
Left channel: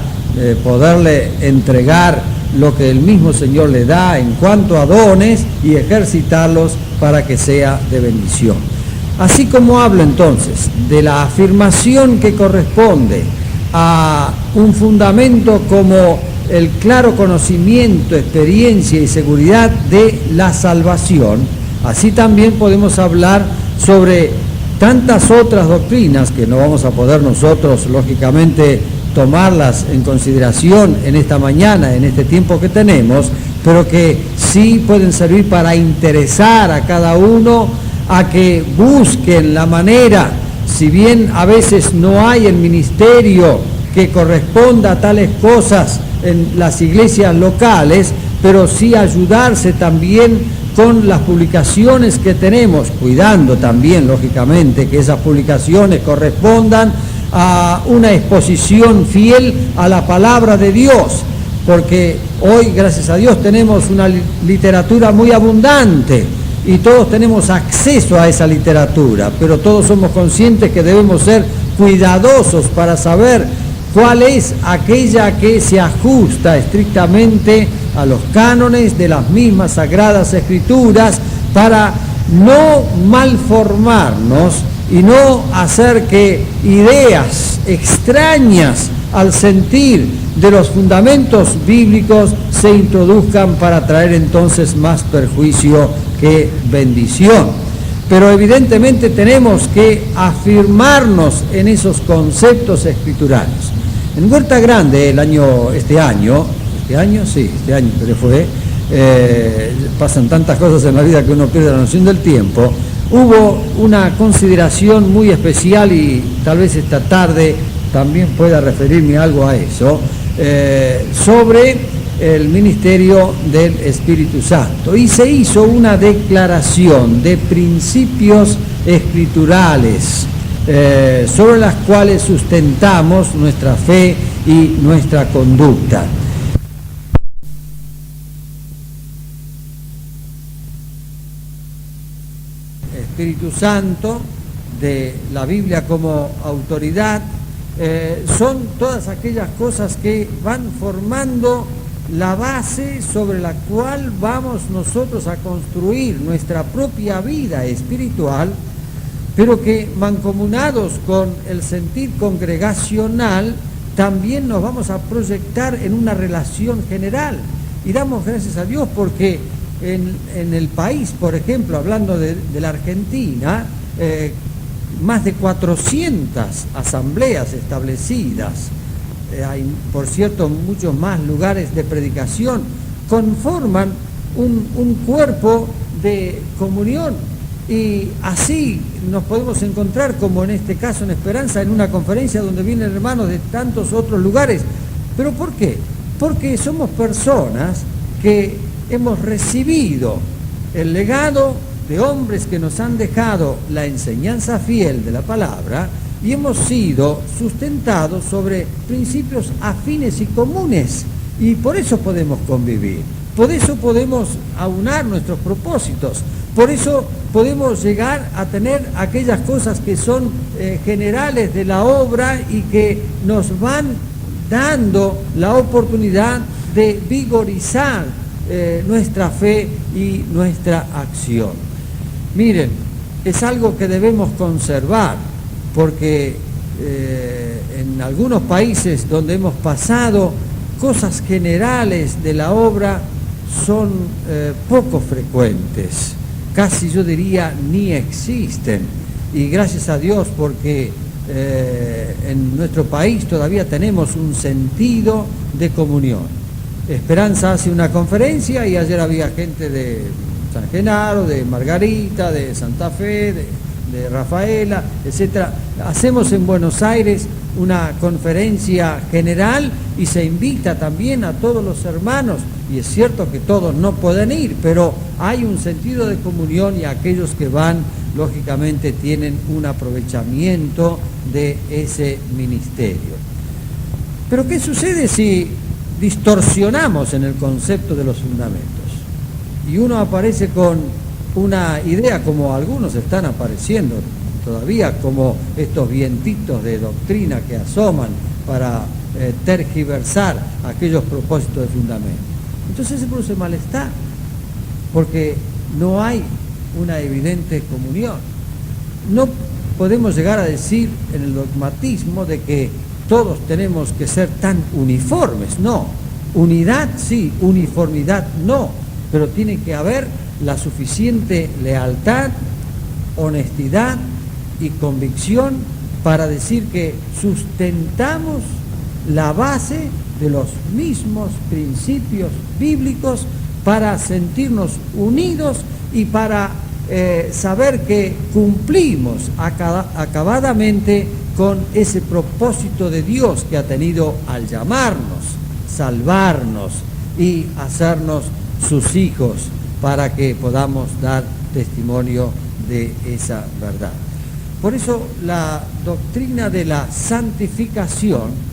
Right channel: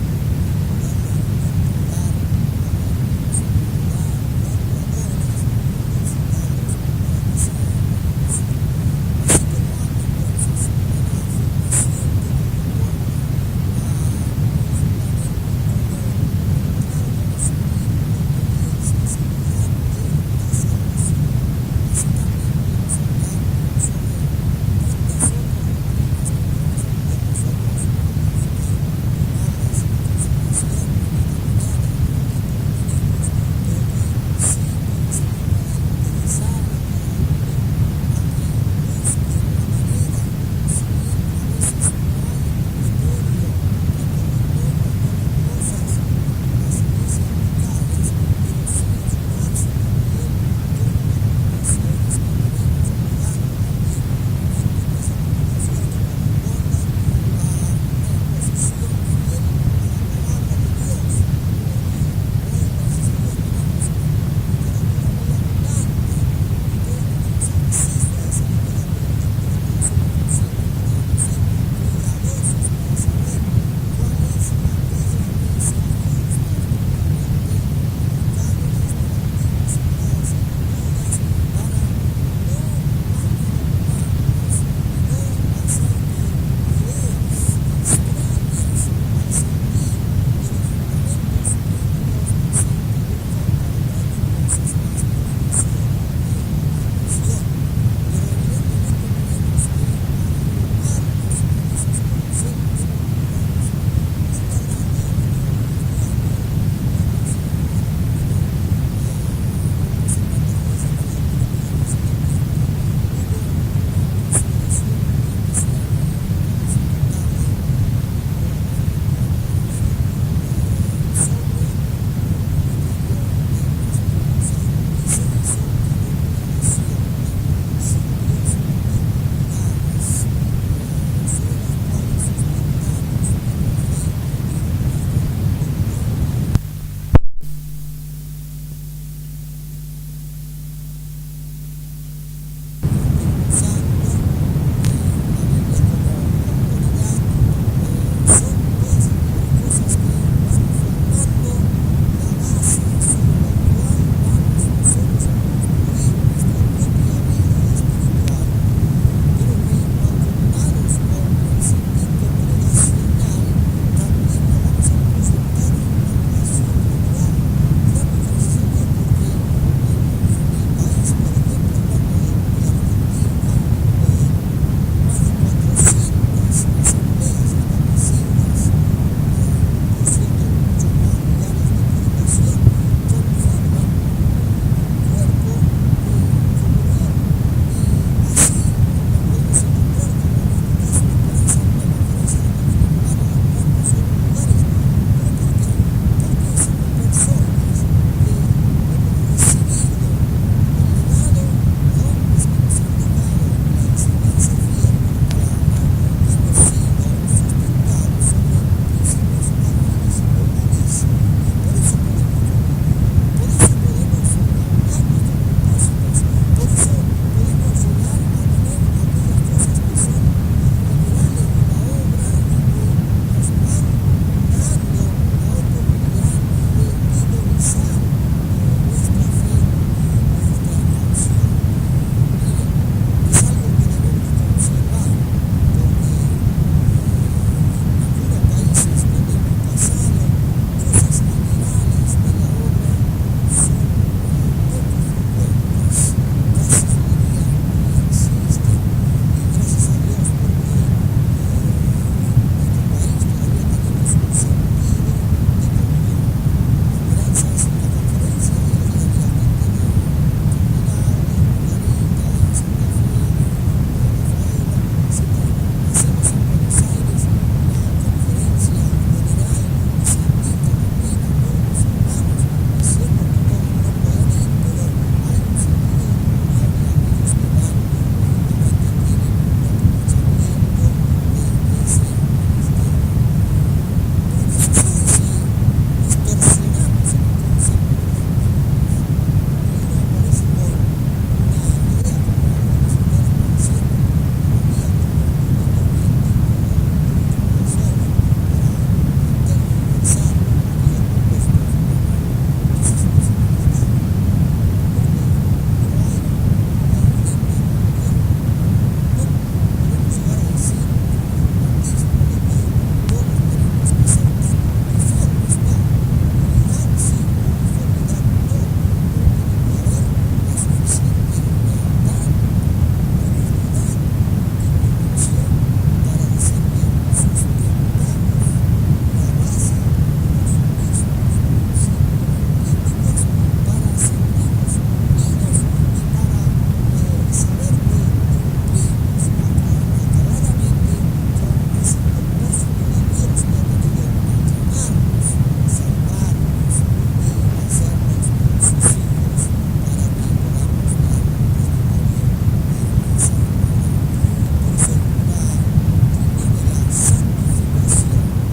poderle entregar lo que el mismo Señor le da en cuanto a dones y ejercitarlos para que sea de bendición. Así como hablo entonces de la afirmación que corresponde a un fundamento como el claro conocimiento, experiencia y seguridad de la salvación, así también podemos hablar sobre tantas otras doctrinas que no vamos a poder nosotros, lógicamente, tomarlas en consideración en esta mañana, en este tiempo que tenemos, pero que sí pueden servir para interesar a cada uno a que busquen la manera, si bien a veces no hay el ministerio que corresponda a tales cosas en las iglesias locales, pero sí ayudarse también con las publicaciones que tenemos, cuidando también, lógicamente, que esas publicaciones correspondan a una exposición fiel a la palabra de Dios, porque hoy, gracias a Dios, tenemos una literatura muy abundante y todos tenemos acceso a esa literatura, pero todos somos conscientes que debemos ser cuidadosos para saber cuál es aquella que se ajusta estrictamente a los cánones de las mismas Sagradas Escrituras, para no malformarnos y no hacer que ideas extrañas al sentir de los fundamentos bíblicos se introduzcan para traer entonces más perjuicio que bendición. Pero evidentemente tenemos que afirmarnos en esos conceptos escriturales. En Huerta Grande, este año, pero fue, pasan tantas cosas en la vida que uno pierde la noción del tiempo, hubo una consideración muy especial, y tal vez esta tarde también pueda referirme algo a eso, sobre el ministerio del Espíritu Santo. Y se hizo una declaración de principios escriturales sobre las cuales sustentamos nuestra fe y nuestra conducta. Espíritu Santo, de la Biblia como autoridad, son todas aquellas cosas que van formando la base sobre la cual vamos nosotros a construir nuestra propia vida espiritual, pero que mancomunados con el sentir congregacional también nos vamos a proyectar en una relación general. Y damos gracias a Dios porque en el país, por ejemplo, hablando de la Argentina, más de 400 asambleas establecidas, hay, por cierto, muchos más lugares de predicación, conforman un cuerpo de comunión, y así nos podemos encontrar, como en este caso en Esperanza, en una conferencia donde vienen hermanos de tantos otros lugares. ¿Pero por qué? Porque somos personas que hemos recibido el legado de hombres que nos han dejado la enseñanza fiel de la palabra, y hemos sido sustentados sobre principios afines y comunes, y por eso podemos convivir, por eso podemos aunar nuestros propósitos, por eso podemos llegar a tener aquellas cosas que son generales de la obra y que nos van dando la oportunidad de vigorizar nuestra fe y nuestra acción. Miren, es algo que debemos conservar, porque en algunos países donde hemos pasado, cosas generales de la obra son poco frecuentes, casi yo diría ni existen, y gracias a Dios porque en nuestro país todavía tenemos un sentido de comunión. Esperanza hace una conferencia y ayer había gente de San Genaro, de Margarita, de Santa Fe, de Rafaela, etc. Hacemos en Buenos Aires una conferencia general y se invita también a todos los hermanos, y es cierto que todos no pueden ir, pero hay un sentido de comunión, y aquellos que van lógicamente tienen un aprovechamiento de ese ministerio. Pero ¿qué sucede si distorsionamos en el concepto de los fundamentos? Y uno aparece con una idea, como algunos están apareciendo todavía, como estos vientitos de doctrina que asoman para tergiversar aquellos propósitos de fundamento. Entonces se produce malestar, porque no hay una evidente comunión. No podemos llegar a decir en el dogmatismo de que todos tenemos que ser tan uniformes, no. Unidad sí, uniformidad no, pero tiene que haber la suficiente lealtad, honestidad y convicción para decir que sustentamos la base de los mismos principios bíblicos, para sentirnos unidos y para saber que cumplimos acabadamente con ese propósito de Dios que ha tenido al llamarnos, salvarnos y hacernos sus hijos, para que podamos dar testimonio de esa verdad. Por eso la doctrina de la santificación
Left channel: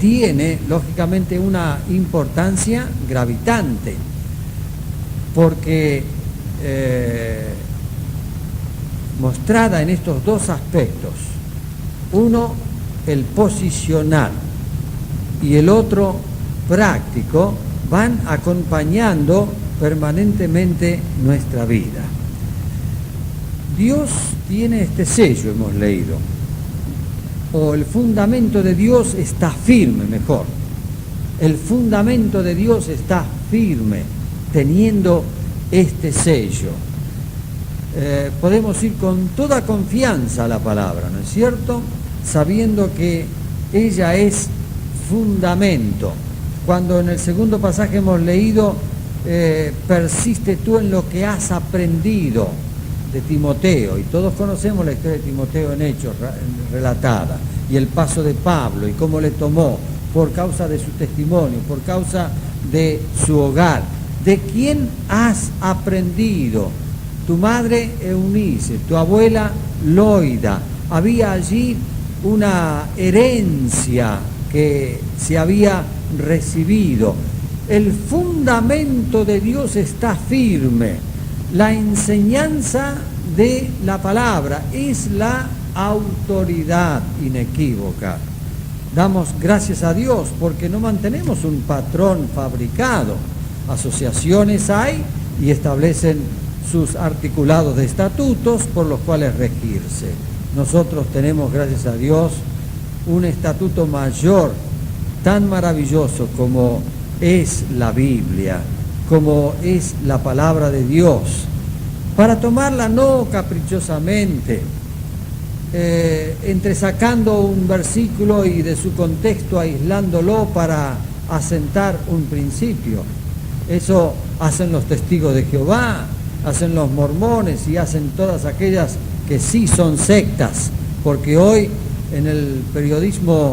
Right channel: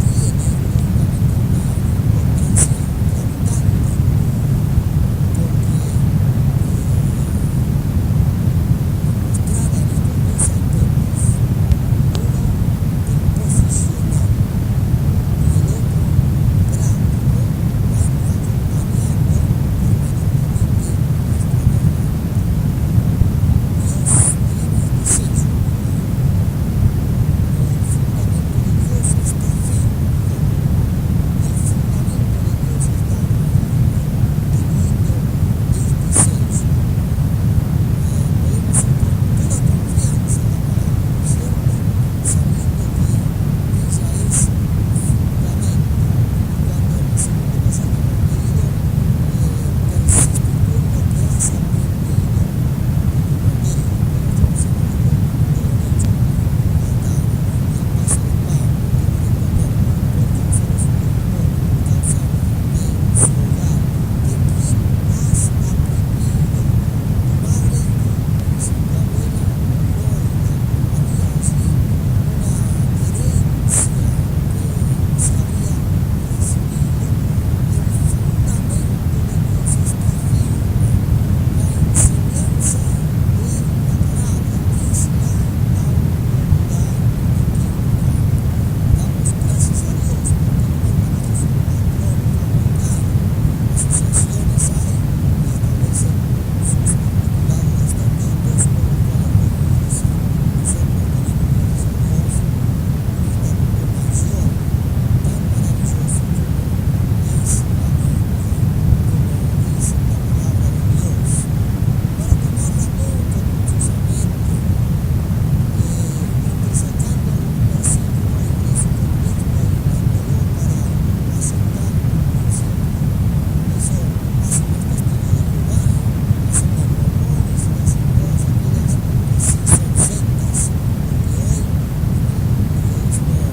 tiene lógicamente una importancia gravitante, porque mostrada en estos dos aspectos, uno el posicional y el otro práctico, van acompañando permanentemente nuestra vida. Dios tiene este sello, hemos leído, o el fundamento de Dios está firme, mejor. El fundamento de Dios está firme, teniendo este sello. Podemos ir con toda confianza a la palabra, ¿no es cierto? Sabiendo que ella es fundamento. Cuando en el segundo pasaje hemos leído, persiste tú en lo que has aprendido, de Timoteo, y todos conocemos la historia de Timoteo en Hechos relatada, y el paso de Pablo, y cómo le tomó por causa de su testimonio, por causa de su hogar. ¿De quién has aprendido? Tu madre Eunice, tu abuela loida. Había allí una herencia que se había recibido. El fundamento de Dios está firme. La enseñanza de la palabra es la autoridad inequívoca. Damos gracias a Dios porque no mantenemos un patrón fabricado. Asociaciones hay y establecen sus articulados de estatutos por los cuales regirse. Nosotros tenemos, gracias a Dios, un estatuto mayor, tan maravilloso como es la Biblia, como es la palabra de Dios, para tomarla no caprichosamente, entresacando un versículo y de su contexto aislándolo para asentar un principio. Eso hacen los testigos de Jehová, hacen los mormones y hacen todas aquellas que sí son sectas, porque hoy en el periodismo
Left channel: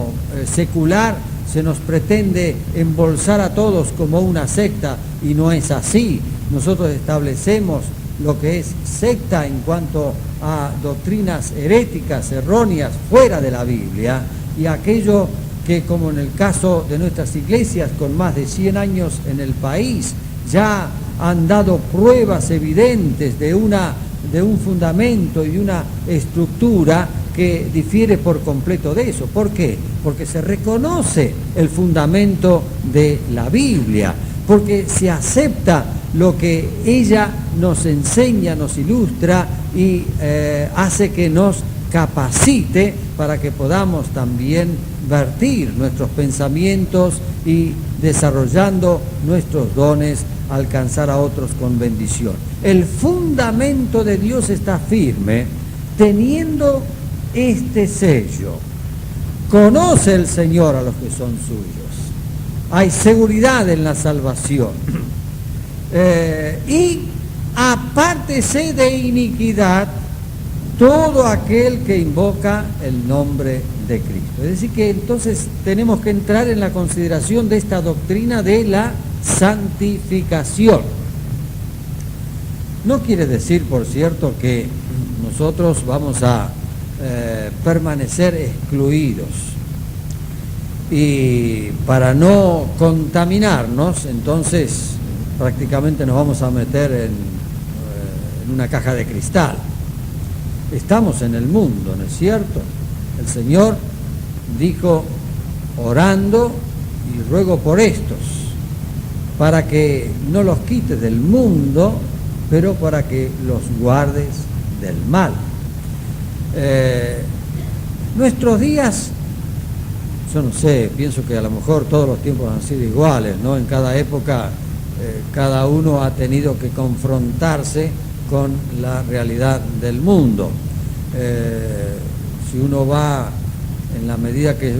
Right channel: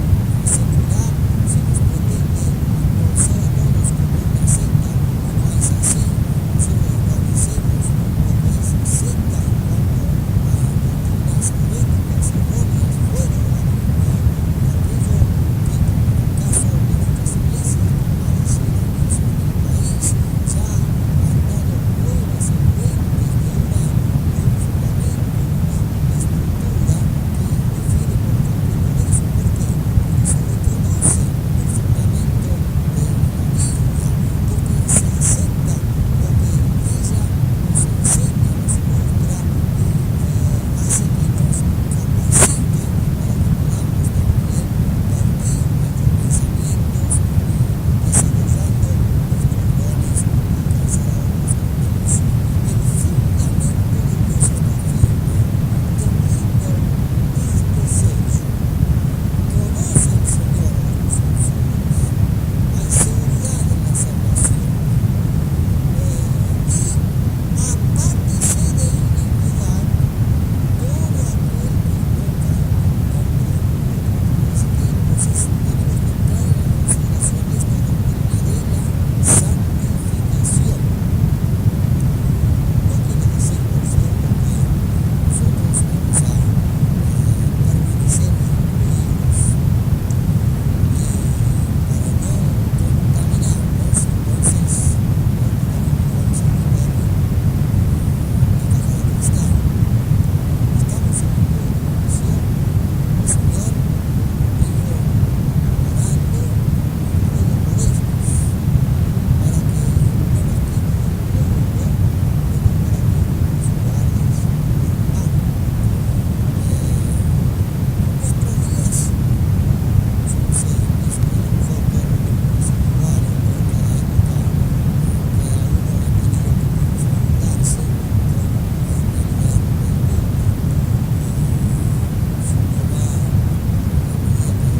secular se nos pretende embolsar a todos como una secta y no es así. Nosotros establecemos lo que es secta en cuanto a doctrinas heréticas, erróneas, fuera de la Biblia, y aquello que, como en el caso de nuestras iglesias con más de 100 años en el país, ya han dado pruebas evidentes de un fundamento y de una estructura que difiere por completo de eso. ¿Por qué? Porque se reconoce el fundamento de la Biblia, porque se acepta lo que ella nos enseña, nos ilustra y hace que nos capacite para que podamos también vertir nuestros pensamientos y desarrollando nuestros dones, alcanzar a otros con bendición. El fundamento de Dios está firme, teniendo este sello. Conoce el Señor a los que son suyos. Hay seguridad en la salvación. Y apártese de iniquidad todo aquel que invoca el nombre de Cristo. Es decir que entonces tenemos que entrar en la consideración de esta doctrina de la santificación. No quiere decir, por cierto, que nosotros vamos a permanecer excluidos y para no contaminarnos, entonces prácticamente nos vamos a meter en una caja de cristal. Estamos en el mundo, ¿no es cierto? El Señor dijo, orando y ruego por estos, para que no los quites del mundo, pero para que los guardes del mal. Nuestros días, yo no sé, pienso que a lo mejor todos los tiempos han sido iguales, ¿no? En cada época cada uno ha tenido que confrontarse con la realidad del mundo. Si uno va, en la medida que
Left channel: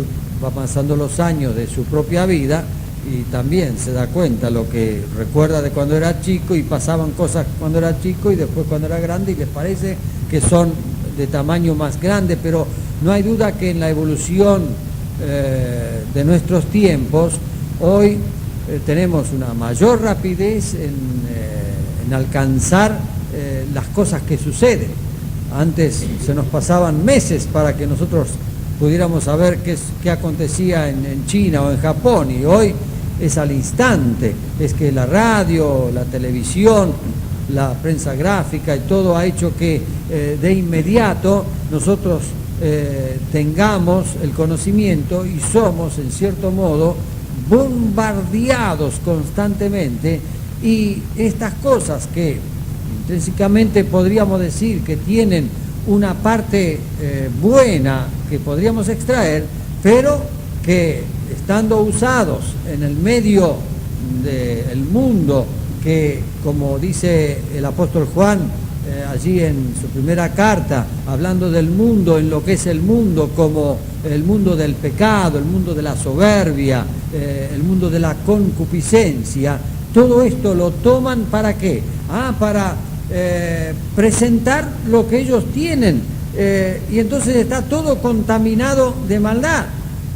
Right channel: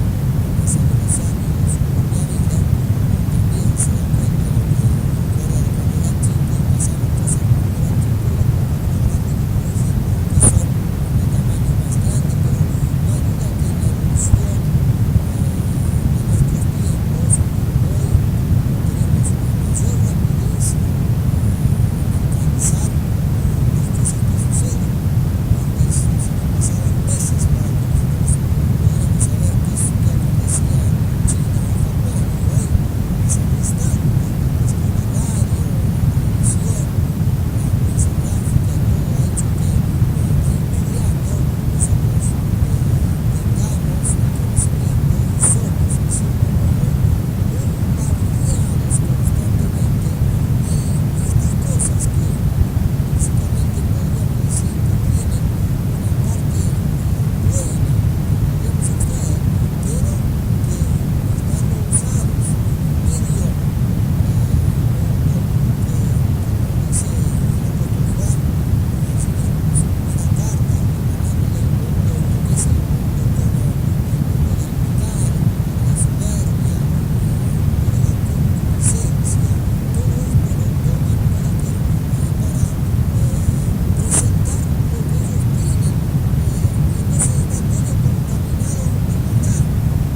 va pasando los años de su propia vida, y también se da cuenta lo que recuerda de cuando era chico, y pasaban cosas cuando era chico y después cuando era grande y les parece que son de tamaño más grande, pero no hay duda que en la evolución de nuestros tiempos hoy tenemos una mayor rapidez en alcanzar las cosas que suceden. Antes se nos pasaban meses para que nosotros pudiéramos saber qué acontecía en China o en Japón, y hoy es al instante. Es que la radio, la televisión, la prensa gráfica y todo ha hecho que de inmediato nosotros tengamos el conocimiento y somos, en cierto modo, bombardeados constantemente, y estas cosas que básicamente podríamos decir que tienen una parte buena que podríamos extraer, pero que estando usados en el medio del mundo, que como dice el apóstol Juan allí en su primera carta, hablando del mundo, en lo que es el mundo como el mundo del pecado, el mundo de la soberbia, el mundo de la concupiscencia, todo esto lo toman ¿para qué? Para presentar lo que ellos tienen, y entonces está todo contaminado de maldad.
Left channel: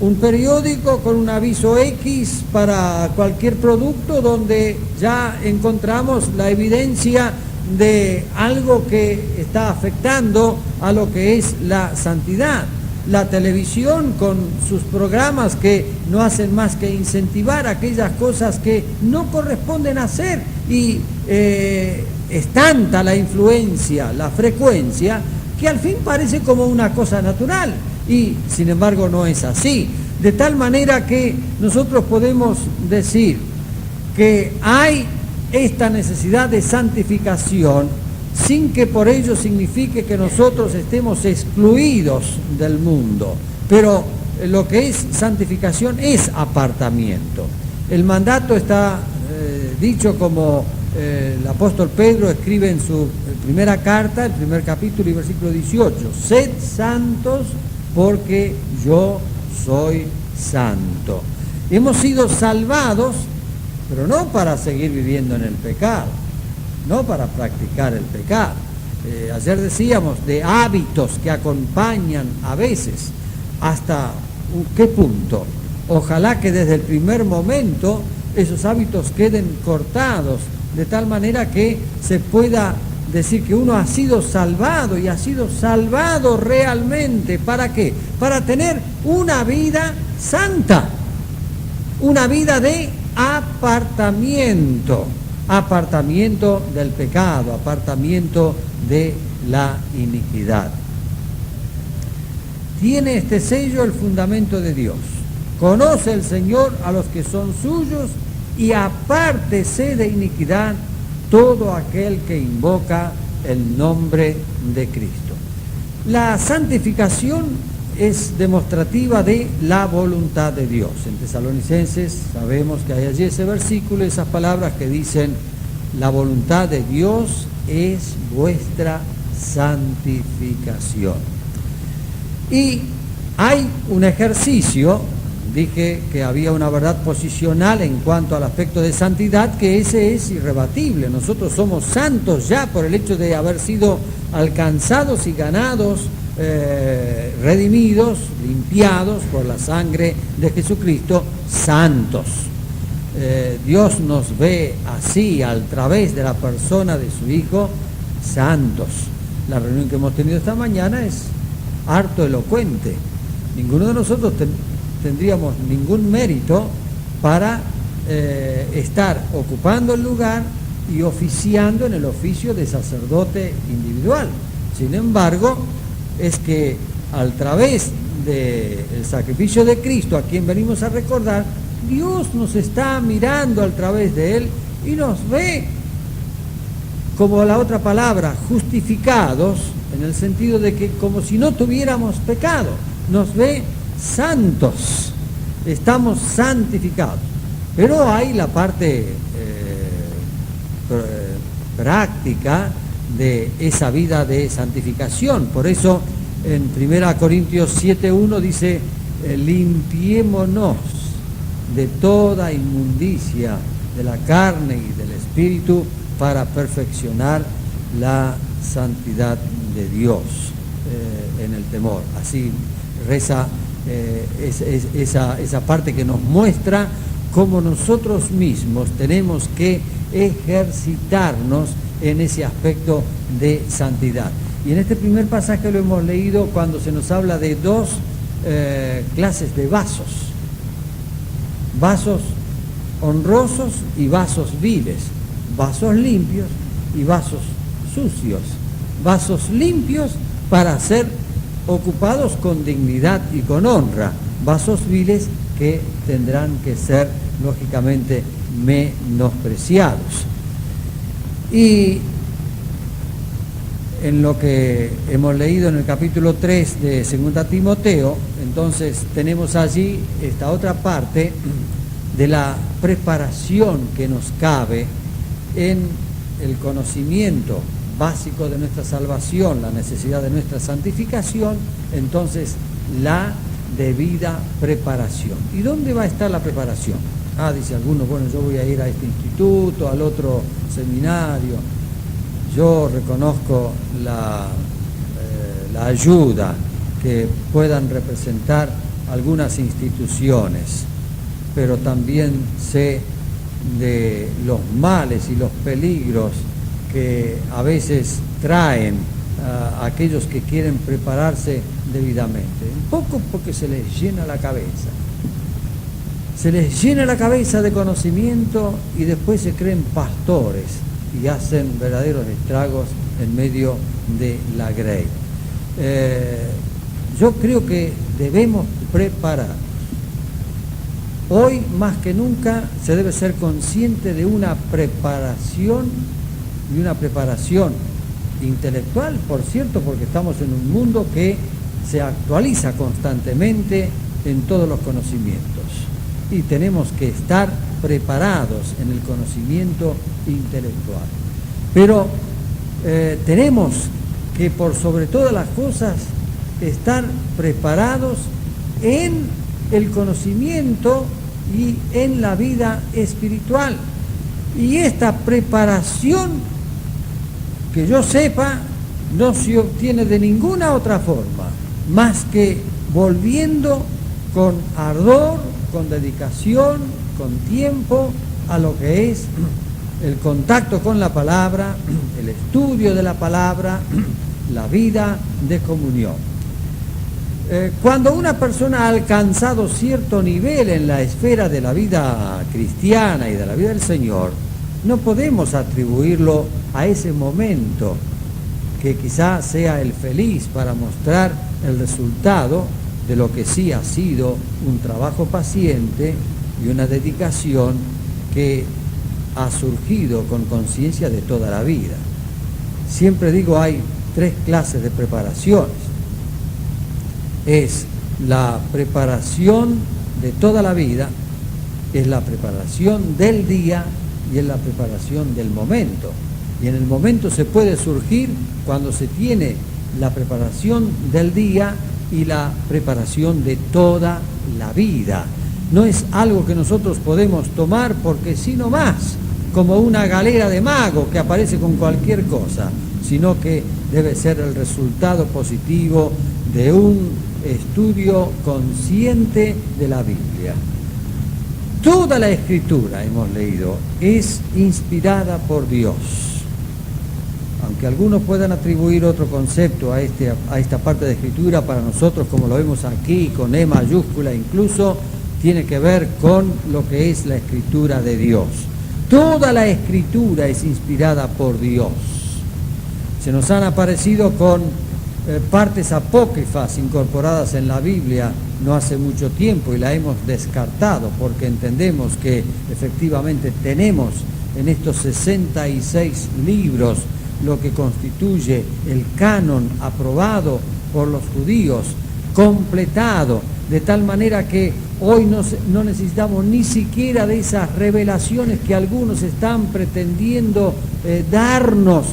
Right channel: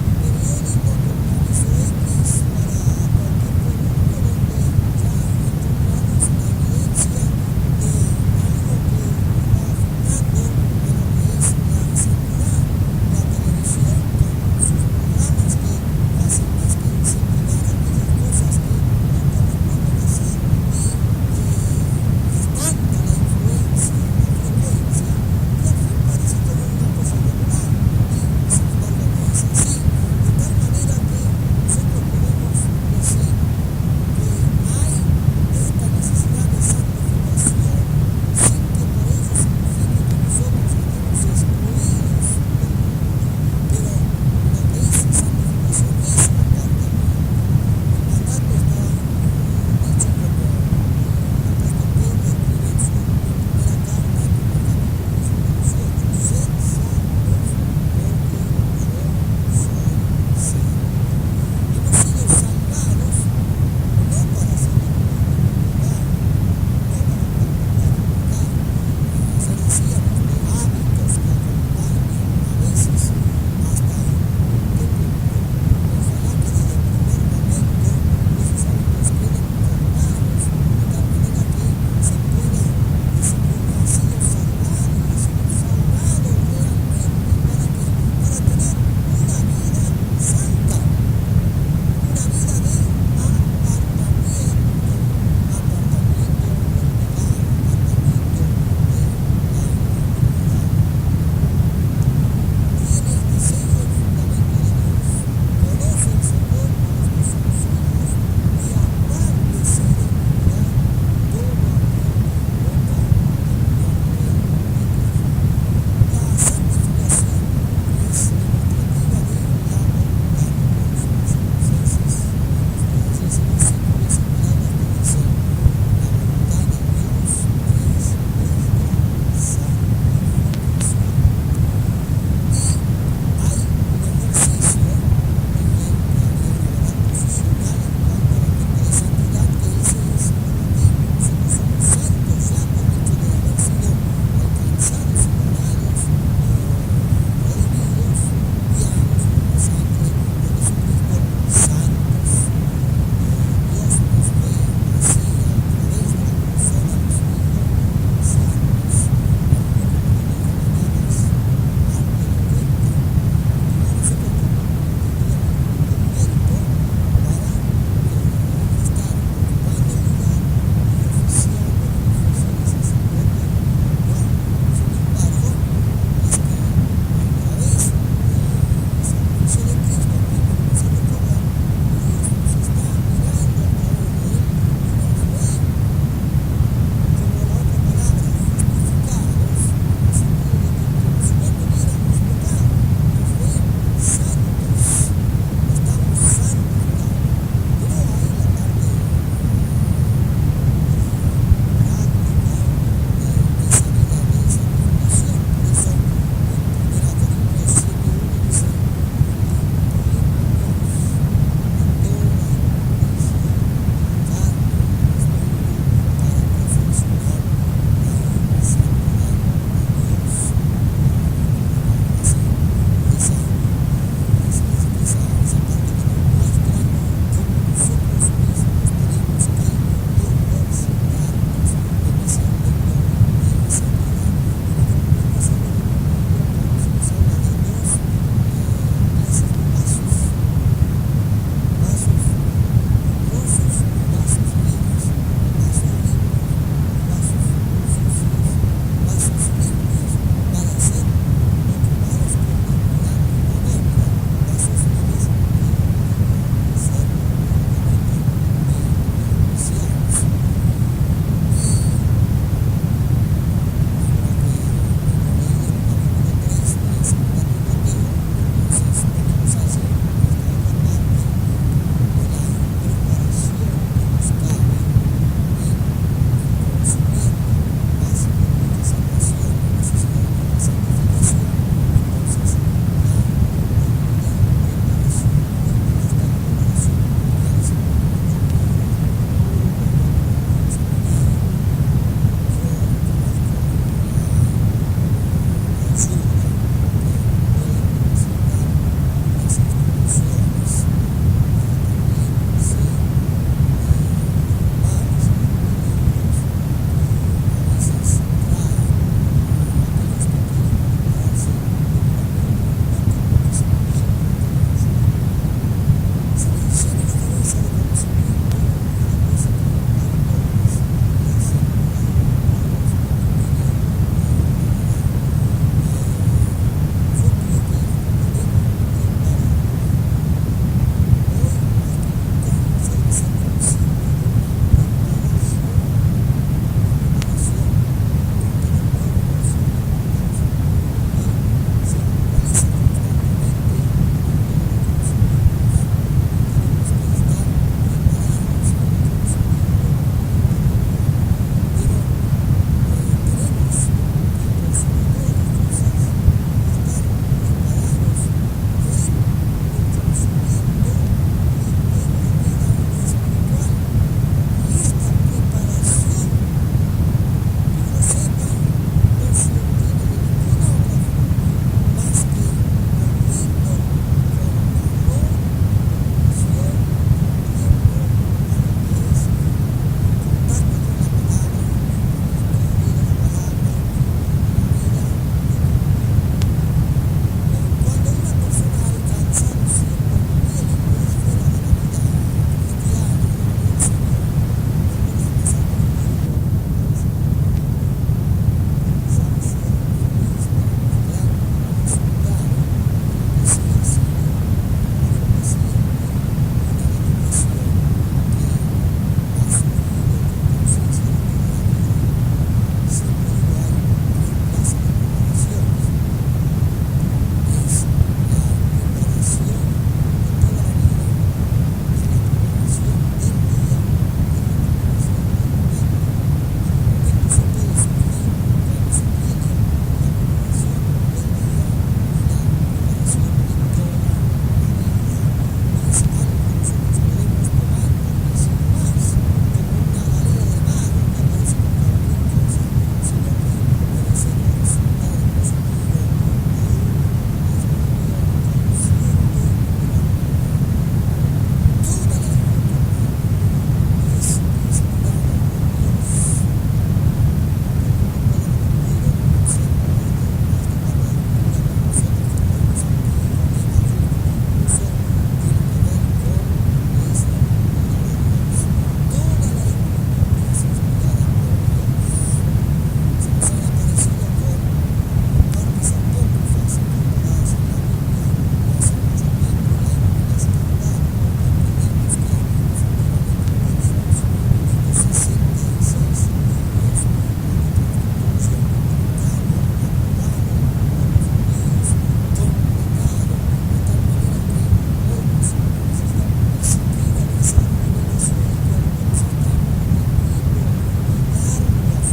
Un periódico con un aviso X para cualquier producto donde ya encontramos la evidencia de algo que está afectando a lo que es la santidad. La televisión con sus programas que no hacen más que incentivar aquellas cosas que no corresponden hacer, y es tanta la influencia, la frecuencia, que al fin parece como una cosa natural, y sin embargo no es así. De tal manera que nosotros podemos decir que hay esta necesidad de santificación, sin que por ello signifique que nosotros estemos excluidos del mundo. Pero lo que es santificación es apartamiento. El mandato está dicho como el apóstol Pedro escribe en su primera carta, el primer capítulo y versículo 18: sed santos porque yo soy santo. Y hemos sido salvados, pero no para seguir viviendo en el pecado, no para practicar el pecado. Ayer decíamos de hábitos que acompañan a veces. ¿Hasta qué punto? Ojalá que desde el primer momento esos hábitos queden cortados, de tal manera que se pueda decir que uno ha sido salvado, y ha sido salvado realmente. ¿Para qué? Para tener una vida santa, una vida de apartamiento del pecado, apartamiento de la iniquidad. Tiene este sello el fundamento de Dios: conoce el Señor a los que son suyos, y apártese de iniquidad todo aquel que invoca el nombre de Cristo. La santificación es demostrativa de la voluntad de Dios. En Tesalonicenses sabemos que hay allí ese versículo, esas palabras que dicen: la voluntad de Dios es vuestra santificación. Y hay un ejercicio, dije que había una verdad posicional en cuanto al aspecto de santidad, que ese es irrebatible. Nosotros somos santos ya por el hecho de haber sido alcanzados y ganados, redimidos, limpiados por la sangre de Jesucristo, santos. Dios nos ve así a través de la persona de su Hijo, santos. La reunión que hemos tenido esta mañana es harto elocuente. Ninguno de nosotros tendríamos ningún mérito para estar ocupando el lugar y oficiando en el oficio de sacerdote individual. Sin embargo, es que a través del sacrificio de Cristo, a quien venimos a recordar, Dios nos está mirando a través de Él y nos ve, como la otra palabra, justificados, en el sentido de que como si no tuviéramos pecado, nos ve santos, estamos santificados. Pero hay la parte práctica de esa vida de santificación. Por eso en 1 Corintios 7:1 dice: limpiémonos de toda inmundicia de la carne y del espíritu para perfeccionar la santidad de Dios en el temor. Así reza esa parte que nos muestra cómo nosotros mismos tenemos que ejercitarnos en ese aspecto de santidad. Y en este primer pasaje lo hemos leído cuando se nos habla de dos clases de vasos: vasos honrosos y vasos viles, vasos limpios y vasos sucios. Vasos limpios para ser ocupados con dignidad y con honra, vasos viles que tendrán que ser lógicamente menospreciados. Y en lo que hemos leído en el capítulo 3 de 2 Timoteo, entonces tenemos allí esta otra parte de la preparación que nos cabe en el conocimiento básico de nuestra salvación, la necesidad de nuestra santificación, entonces la debida preparación. ¿Y dónde va a estar la preparación? Dice alguno, bueno, yo voy a ir a este instituto, al otro seminario. Yo reconozco la ayuda que puedan representar algunas instituciones, pero también sé de los males y los peligros que a veces traen a aquellos que quieren prepararse debidamente. Un poco porque se les llena la cabeza. Se les llena la cabeza de conocimiento y después se creen pastores y hacen verdaderos estragos en medio de la grey. Yo creo que debemos preparar. Hoy más que nunca se debe ser consciente de una preparación intelectual, por cierto, porque estamos en un mundo que se actualiza constantemente en todos los conocimientos y tenemos que estar preparados en el conocimiento intelectual. Pero tenemos que por sobre todas las cosas estar preparados en el conocimiento y en la vida espiritual. Y esta preparación, que yo sepa, no se obtiene de ninguna otra forma, más que volviendo con ardor, con dedicación, con tiempo, a lo que es el contacto con la palabra, el estudio de la palabra, la vida de comunión. Cuando una persona ha alcanzado cierto nivel en la esfera de la vida cristiana y de la vida del Señor, no podemos atribuirlo a ese momento que quizás sea el feliz para mostrar el resultado de lo que sí ha sido un trabajo paciente y una dedicación que ha surgido con conciencia de toda la vida. Siempre digo, hay 3 clases de preparaciones. Es la preparación de toda la vida, es la preparación del día y es la preparación del momento. Y en el momento se puede surgir cuando se tiene la preparación del día y la preparación de toda la vida. No es algo que nosotros podemos tomar porque sí nomás, como una galera de mago que aparece con cualquier cosa, sino que debe ser el resultado positivo de un estudio consciente de la Biblia. Toda la Escritura, hemos leído, es inspirada por Dios. Aunque algunos puedan atribuir otro concepto a esta parte de Escritura, para nosotros, como lo vemos aquí, con E mayúscula incluso, tiene que ver con lo que es la Escritura de Dios. Toda la Escritura es inspirada por Dios. Se nos han aparecido con partes apócrifas incorporadas en la Biblia no hace mucho tiempo y la hemos descartado porque entendemos que efectivamente tenemos en estos 66 libros lo que constituye el canon aprobado por los judíos, completado, de tal manera que hoy no necesitamos ni siquiera de esas revelaciones que algunos están pretendiendo darnos,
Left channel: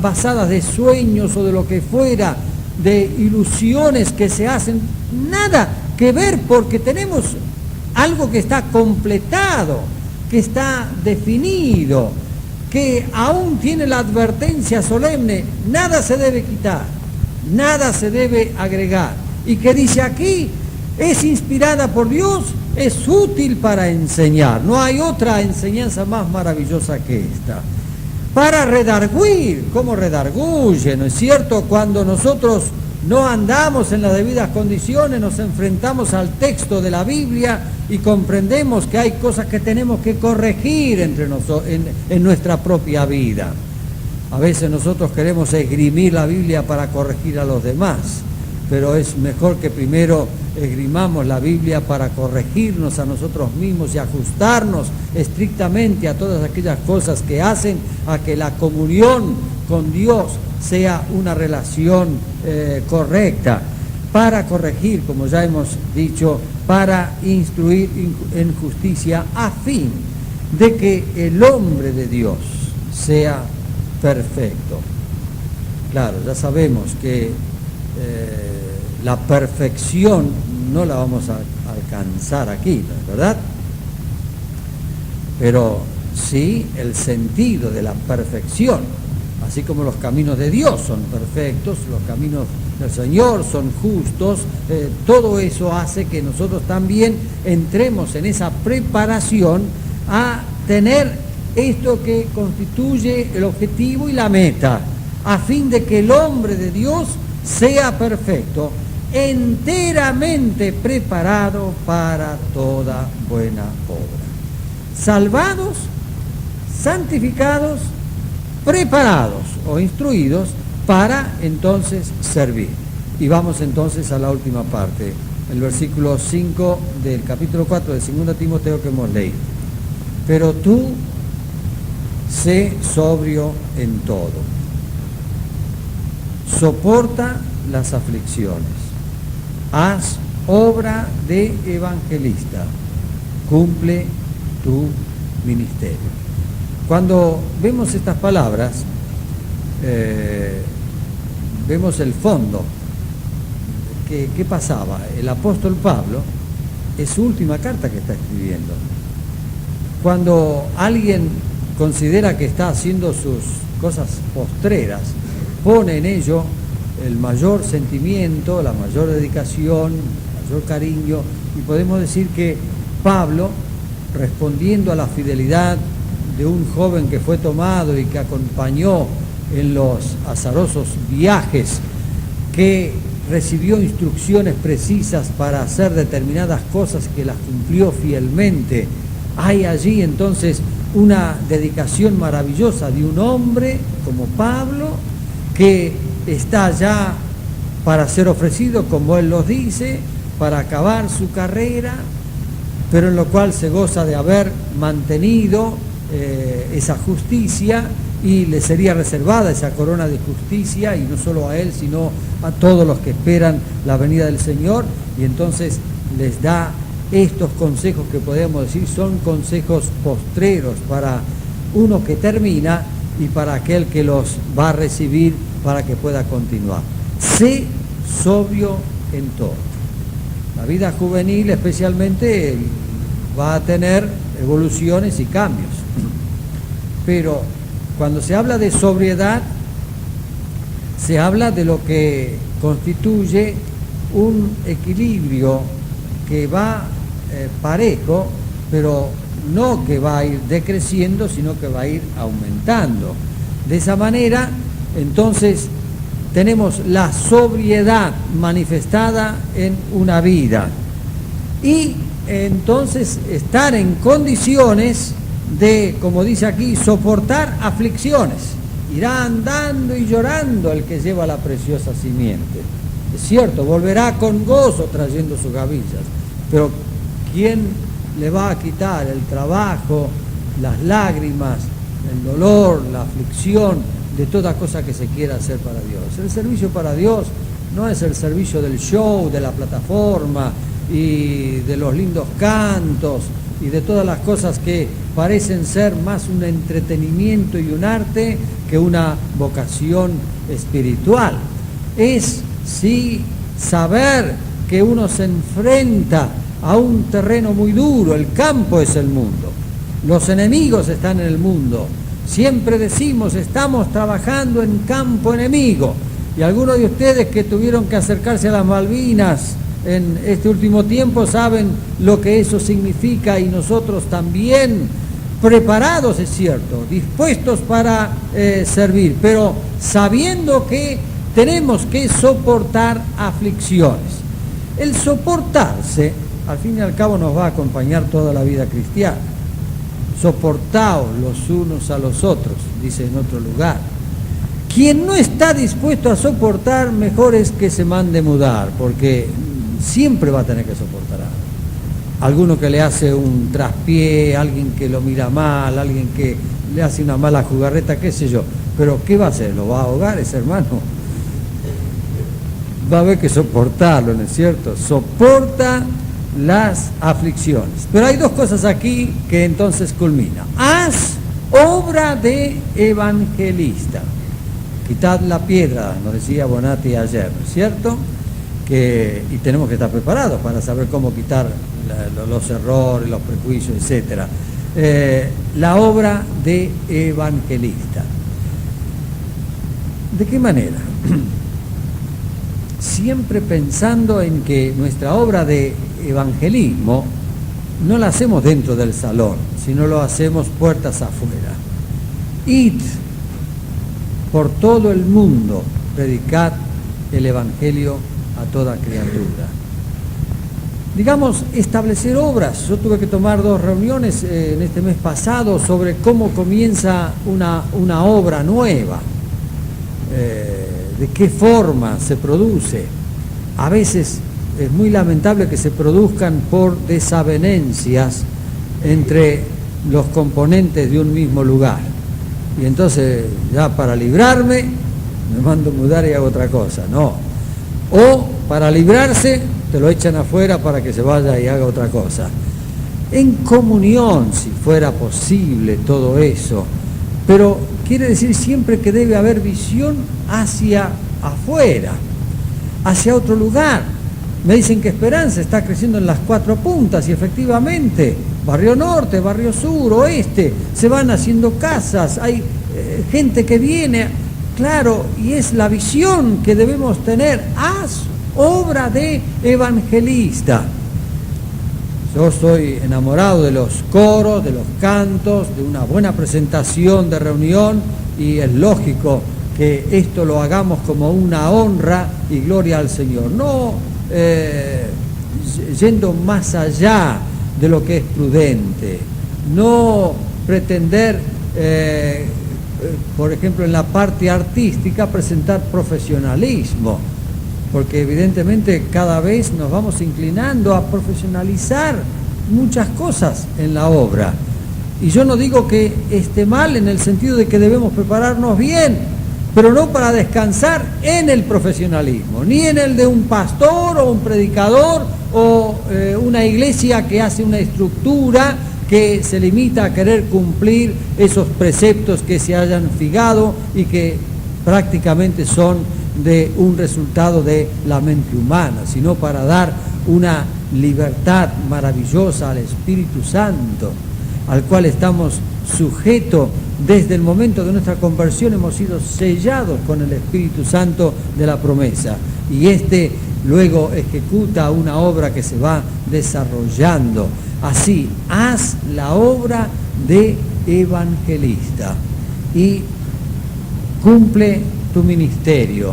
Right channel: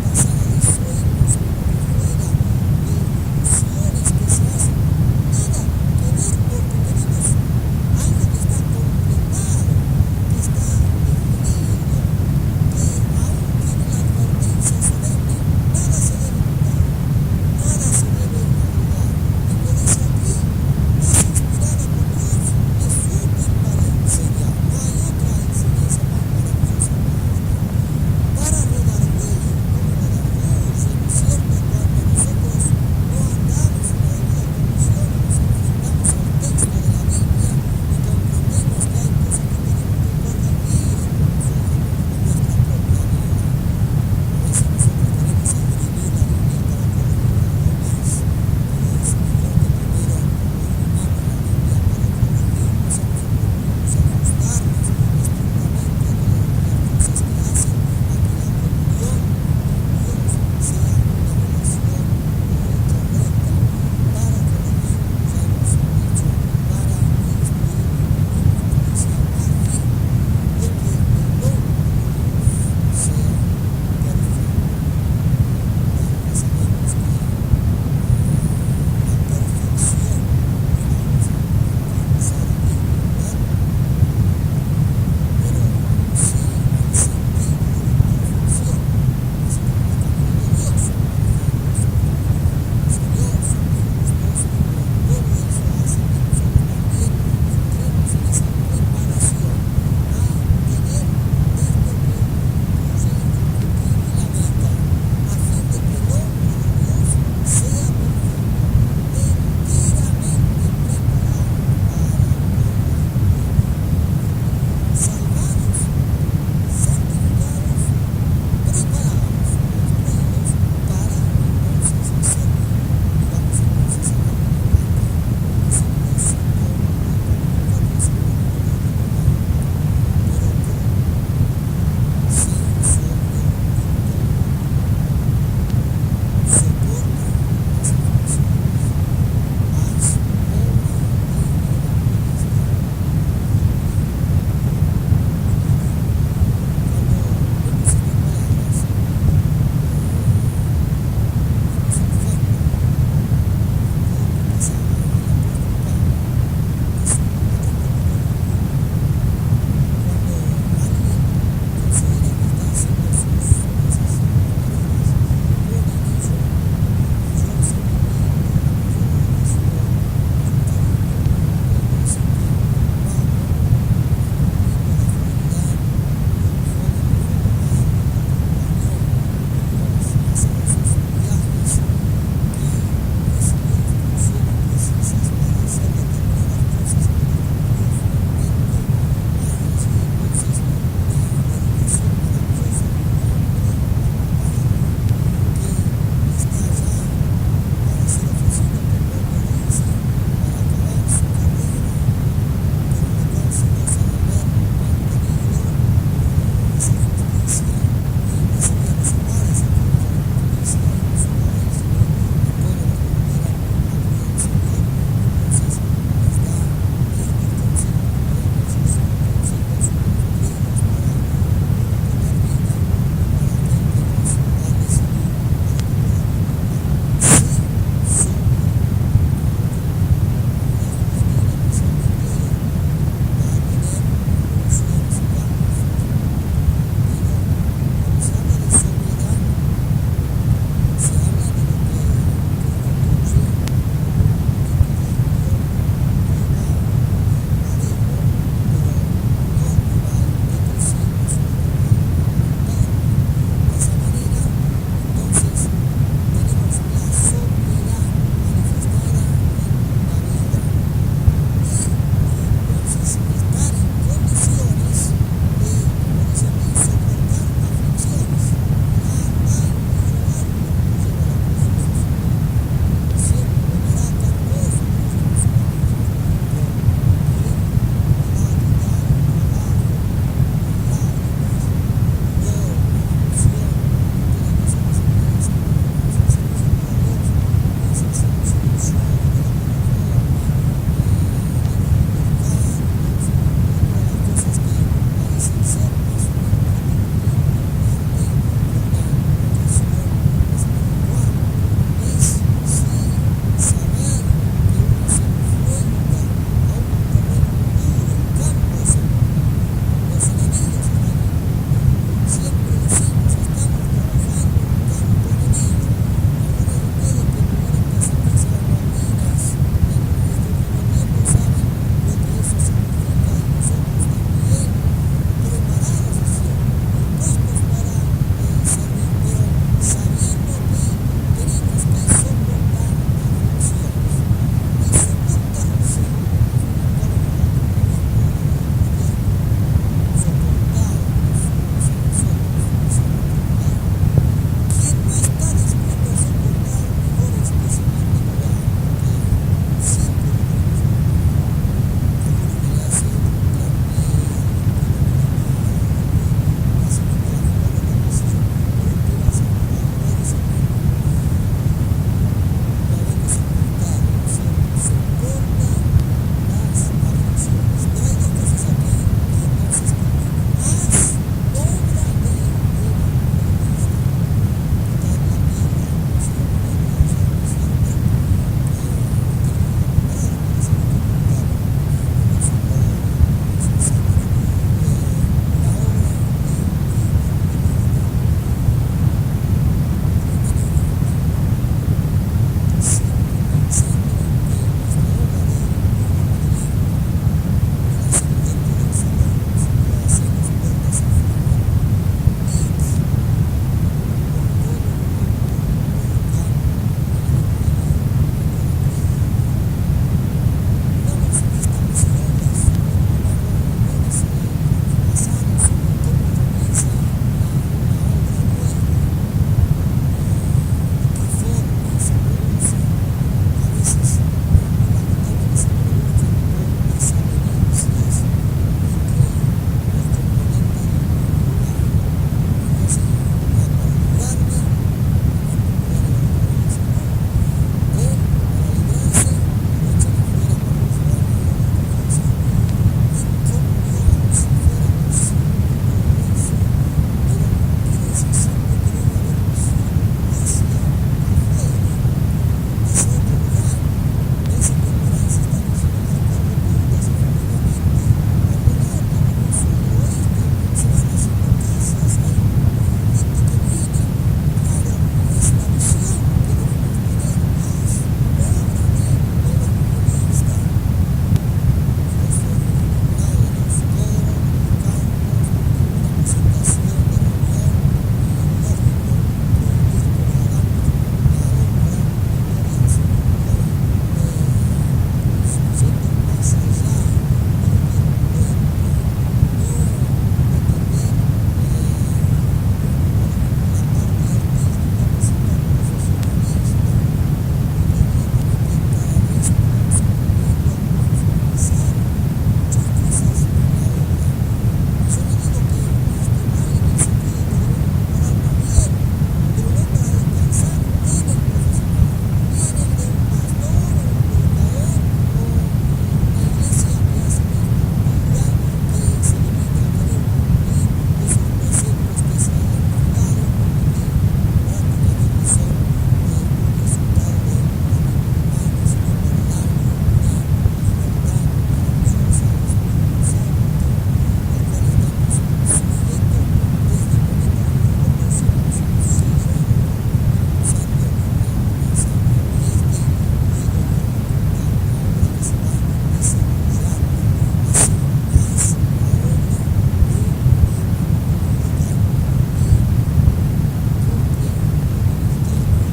basadas de sueños o de lo que fuera, de ilusiones que se hacen, nada que ver, porque tenemos algo que está completado, que está definido, que aún tiene la advertencia solemne: nada se debe quitar, nada se debe agregar, y que dice aquí, es inspirada por Dios, es útil para enseñar. No hay otra enseñanza más maravillosa que esta. Para redarguir, ¿cómo redarguye? ¿No es cierto? Cuando nosotros no andamos en las debidas condiciones, nos enfrentamos al texto de la Biblia y comprendemos que hay cosas que tenemos que corregir en nuestra propia vida. A veces nosotros queremos esgrimir la Biblia para corregir a los demás, pero es mejor que primero esgrimamos la Biblia para corregirnos a nosotros mismos y ajustarnos estrictamente a todas aquellas cosas que hacen a que la comunión con Dios sea una relación correcta, para corregir, como ya hemos dicho, para instruir en justicia, a fin de que el hombre de Dios sea perfecto. Claro, ya sabemos que la perfección no la vamos a alcanzar aquí, ¿verdad? Pero sí el sentido de la perfección, así como los caminos de Dios son perfectos, los caminos del Señor son justos, todo eso hace que nosotros también entremos en esa preparación a tener esto que constituye el objetivo y la meta, a fin de que el hombre de Dios sea perfecto, enteramente preparado para toda buena obra. Salvados, santificados, preparados o instruidos para entonces servir. Y vamos entonces a la última parte, el versículo 5 del capítulo 4 de 2 Timoteo que hemos leído. Pero tú sé sobrio en todo, soporta las aflicciones, haz obra de evangelista, cumple tu ministerio. Cuando vemos estas palabras, vemos el fondo. ¿Qué pasaba? El apóstol Pablo es su última carta que está escribiendo. Cuando alguien considera que está haciendo sus cosas postreras, pone en ello el mayor sentimiento, la mayor dedicación, el mayor cariño, y podemos decir que Pablo, respondiendo a la fidelidad de un joven que fue tomado y que acompañó en los azarosos viajes, que recibió instrucciones precisas para hacer determinadas cosas que las cumplió fielmente, hay allí entonces una dedicación maravillosa de un hombre como Pablo, que está ya para ser ofrecido, como él los dice, para acabar su carrera, pero en lo cual se goza de haber mantenido esa justicia, y le sería reservada esa corona de justicia, y no solo a él, sino a todos los que esperan la venida del Señor. Y entonces les da estos consejos que podemos decir son consejos postreros para uno que termina y para aquel que los va a recibir para que pueda continuar. Sé sobrio en todo. La vida juvenil especialmente va a tener evoluciones y cambios, pero cuando se habla de sobriedad, se habla de lo que constituye un equilibrio que va parejo, pero no que va a ir decreciendo, sino que va a ir aumentando. De esa manera, entonces, tenemos la sobriedad manifestada en una vida. Y entonces estar en condiciones de, como dice aquí, soportar aflicciones. Irá andando y llorando el que lleva la preciosa simiente. Es cierto, volverá con gozo trayendo sus gavillas, pero ¿quién le va a quitar el trabajo, las lágrimas, el dolor, la aflicción de toda cosa que se quiera hacer para Dios? El servicio para Dios no es el servicio del show, de la plataforma y de los lindos cantos y de todas las cosas que parecen ser más un entretenimiento y un arte que una vocación espiritual. Es, sí, saber que uno se enfrenta a un terreno muy duro. El campo es el mundo, los enemigos están en el mundo. Siempre decimos, estamos trabajando en campo enemigo, y algunos de ustedes que tuvieron que acercarse a las Malvinas en este último tiempo saben lo que eso significa, y nosotros también, preparados, es cierto, dispuestos para servir, pero sabiendo que tenemos que soportar aflicciones. El soportarse, al fin y al cabo, nos va a acompañar toda la vida cristiana. Soportaos los unos a los otros, dice en otro lugar. Quien no está dispuesto a soportar, mejor es que se mande mudar, porque siempre va a tener que soportar algo. Alguno que le hace un traspié, alguien que lo mira mal, alguien que le hace una mala jugarreta, qué sé yo. Pero ¿qué va a hacer? ¿Lo va a ahogar ese hermano? Va a haber que soportarlo, ¿no es cierto? Soporta las aflicciones. Pero hay dos cosas aquí que entonces culminan. Haz obra de evangelista. Quitad la piedra, nos decía Bonatti ayer, ¿no es cierto? Y tenemos que estar preparados para saber cómo quitar los errores, los prejuicios, etc. La obra de evangelista. ¿De qué manera? Siempre pensando en que nuestra obra de evangelismo no la hacemos dentro del salón, sino lo hacemos puertas afuera. Id por todo el mundo, predicad el Evangelio a toda criatura. Digamos, establecer obras. Yo tuve que tomar 2 reuniones en este mes pasado sobre cómo comienza una obra nueva, de qué forma se produce. A veces es muy lamentable que se produzcan por desavenencias entre los componentes de un mismo lugar. Y entonces, ya para librarme, me mando a mudar y hago otra cosa. No. O para librarse, te lo echan afuera para que se vaya y haga otra cosa. En comunión, si fuera posible todo eso, pero quiere decir siempre que debe haber visión hacia afuera, hacia otro lugar. Me dicen que Esperanza está creciendo en las 4 puntas y efectivamente, barrio norte, barrio sur, oeste, se van haciendo casas, hay gente que viene, claro, y es la visión que debemos tener. Haz obra de evangelista. Yo soy enamorado de los coros, de los cantos, de una buena presentación de reunión, y es lógico que esto lo hagamos como una honra y gloria al Señor, no yendo más allá de lo que es prudente, no pretender, por ejemplo, en la parte artística presentar profesionalismo, porque evidentemente cada vez nos vamos inclinando a profesionalizar muchas cosas en la obra. Y yo no digo que esté mal en el sentido de que debemos prepararnos bien, pero no para descansar en el profesionalismo, ni en el de un pastor o un predicador o una iglesia que hace una estructura que se limita a querer cumplir esos preceptos que se hayan fijado y que prácticamente son de un resultado de la mente humana, sino para dar una libertad maravillosa al Espíritu Santo, al cual estamos sujetos desde el momento de nuestra conversión. Hemos sido sellados con el Espíritu Santo de la promesa, y este luego ejecuta una obra que se va desarrollando. Así, haz la obra de evangelista y cumple tu ministerio,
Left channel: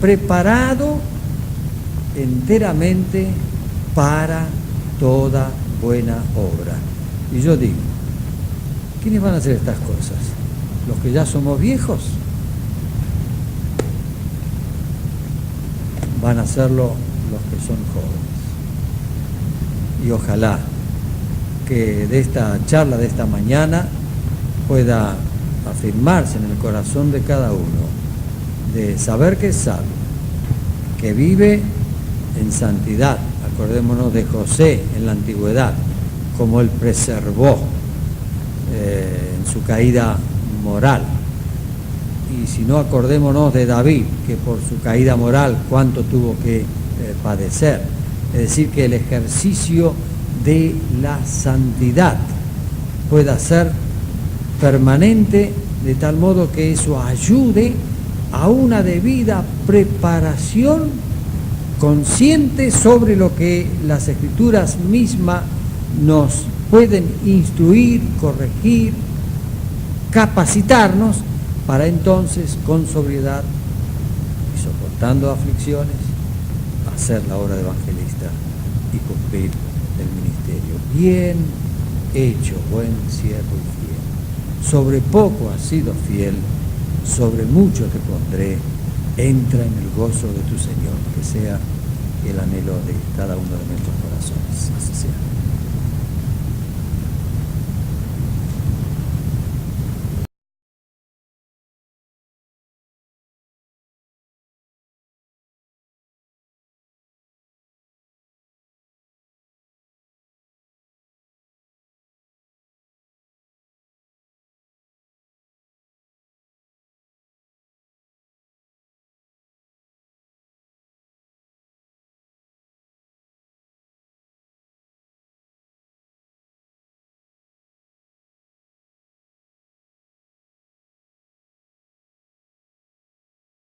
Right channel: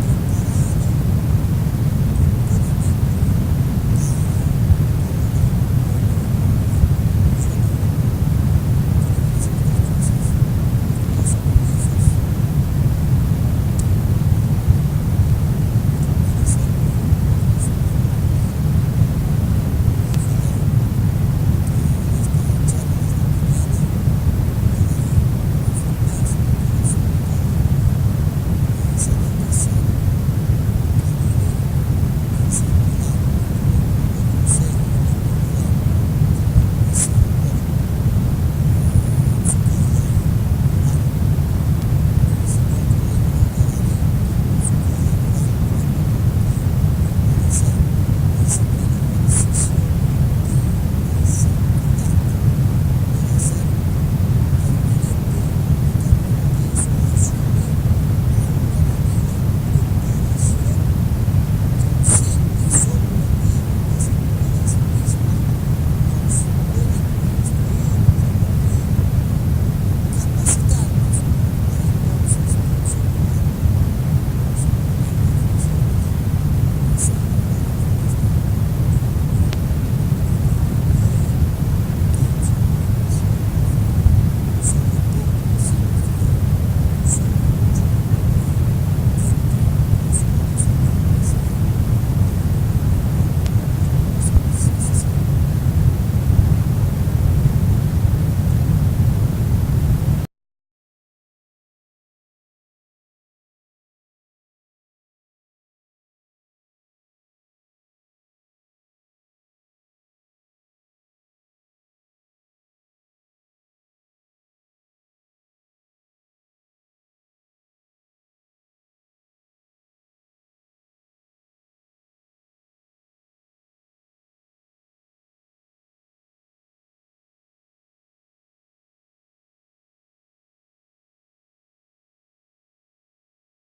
preparado enteramente para toda buena obra. Y yo digo, ¿quiénes van a hacer estas cosas? ¿Los que ya somos viejos? Van a hacerlo los que son jóvenes. Y ojalá que de esta charla de esta mañana pueda afirmarse en el corazón de cada uno, de saber que es salvo, que vive en santidad. Acordémonos de José en la antigüedad, como él preservó en su caída moral. Y si no, acordémonos de David, que por su caída moral cuánto tuvo que padecer. Es decir, que el ejercicio de la santidad pueda ser permanente, de tal modo que eso ayude a una debida preparación consciente sobre lo que las Escrituras mismas nos pueden instruir, corregir, capacitarnos para entonces con sobriedad y soportando aflicciones hacer la obra de evangelista y cumplir el ministerio. Bien hecho, buen siervo fiel. Sobre poco has sido fiel, sobre mucho te pondré, entra en el gozo de tu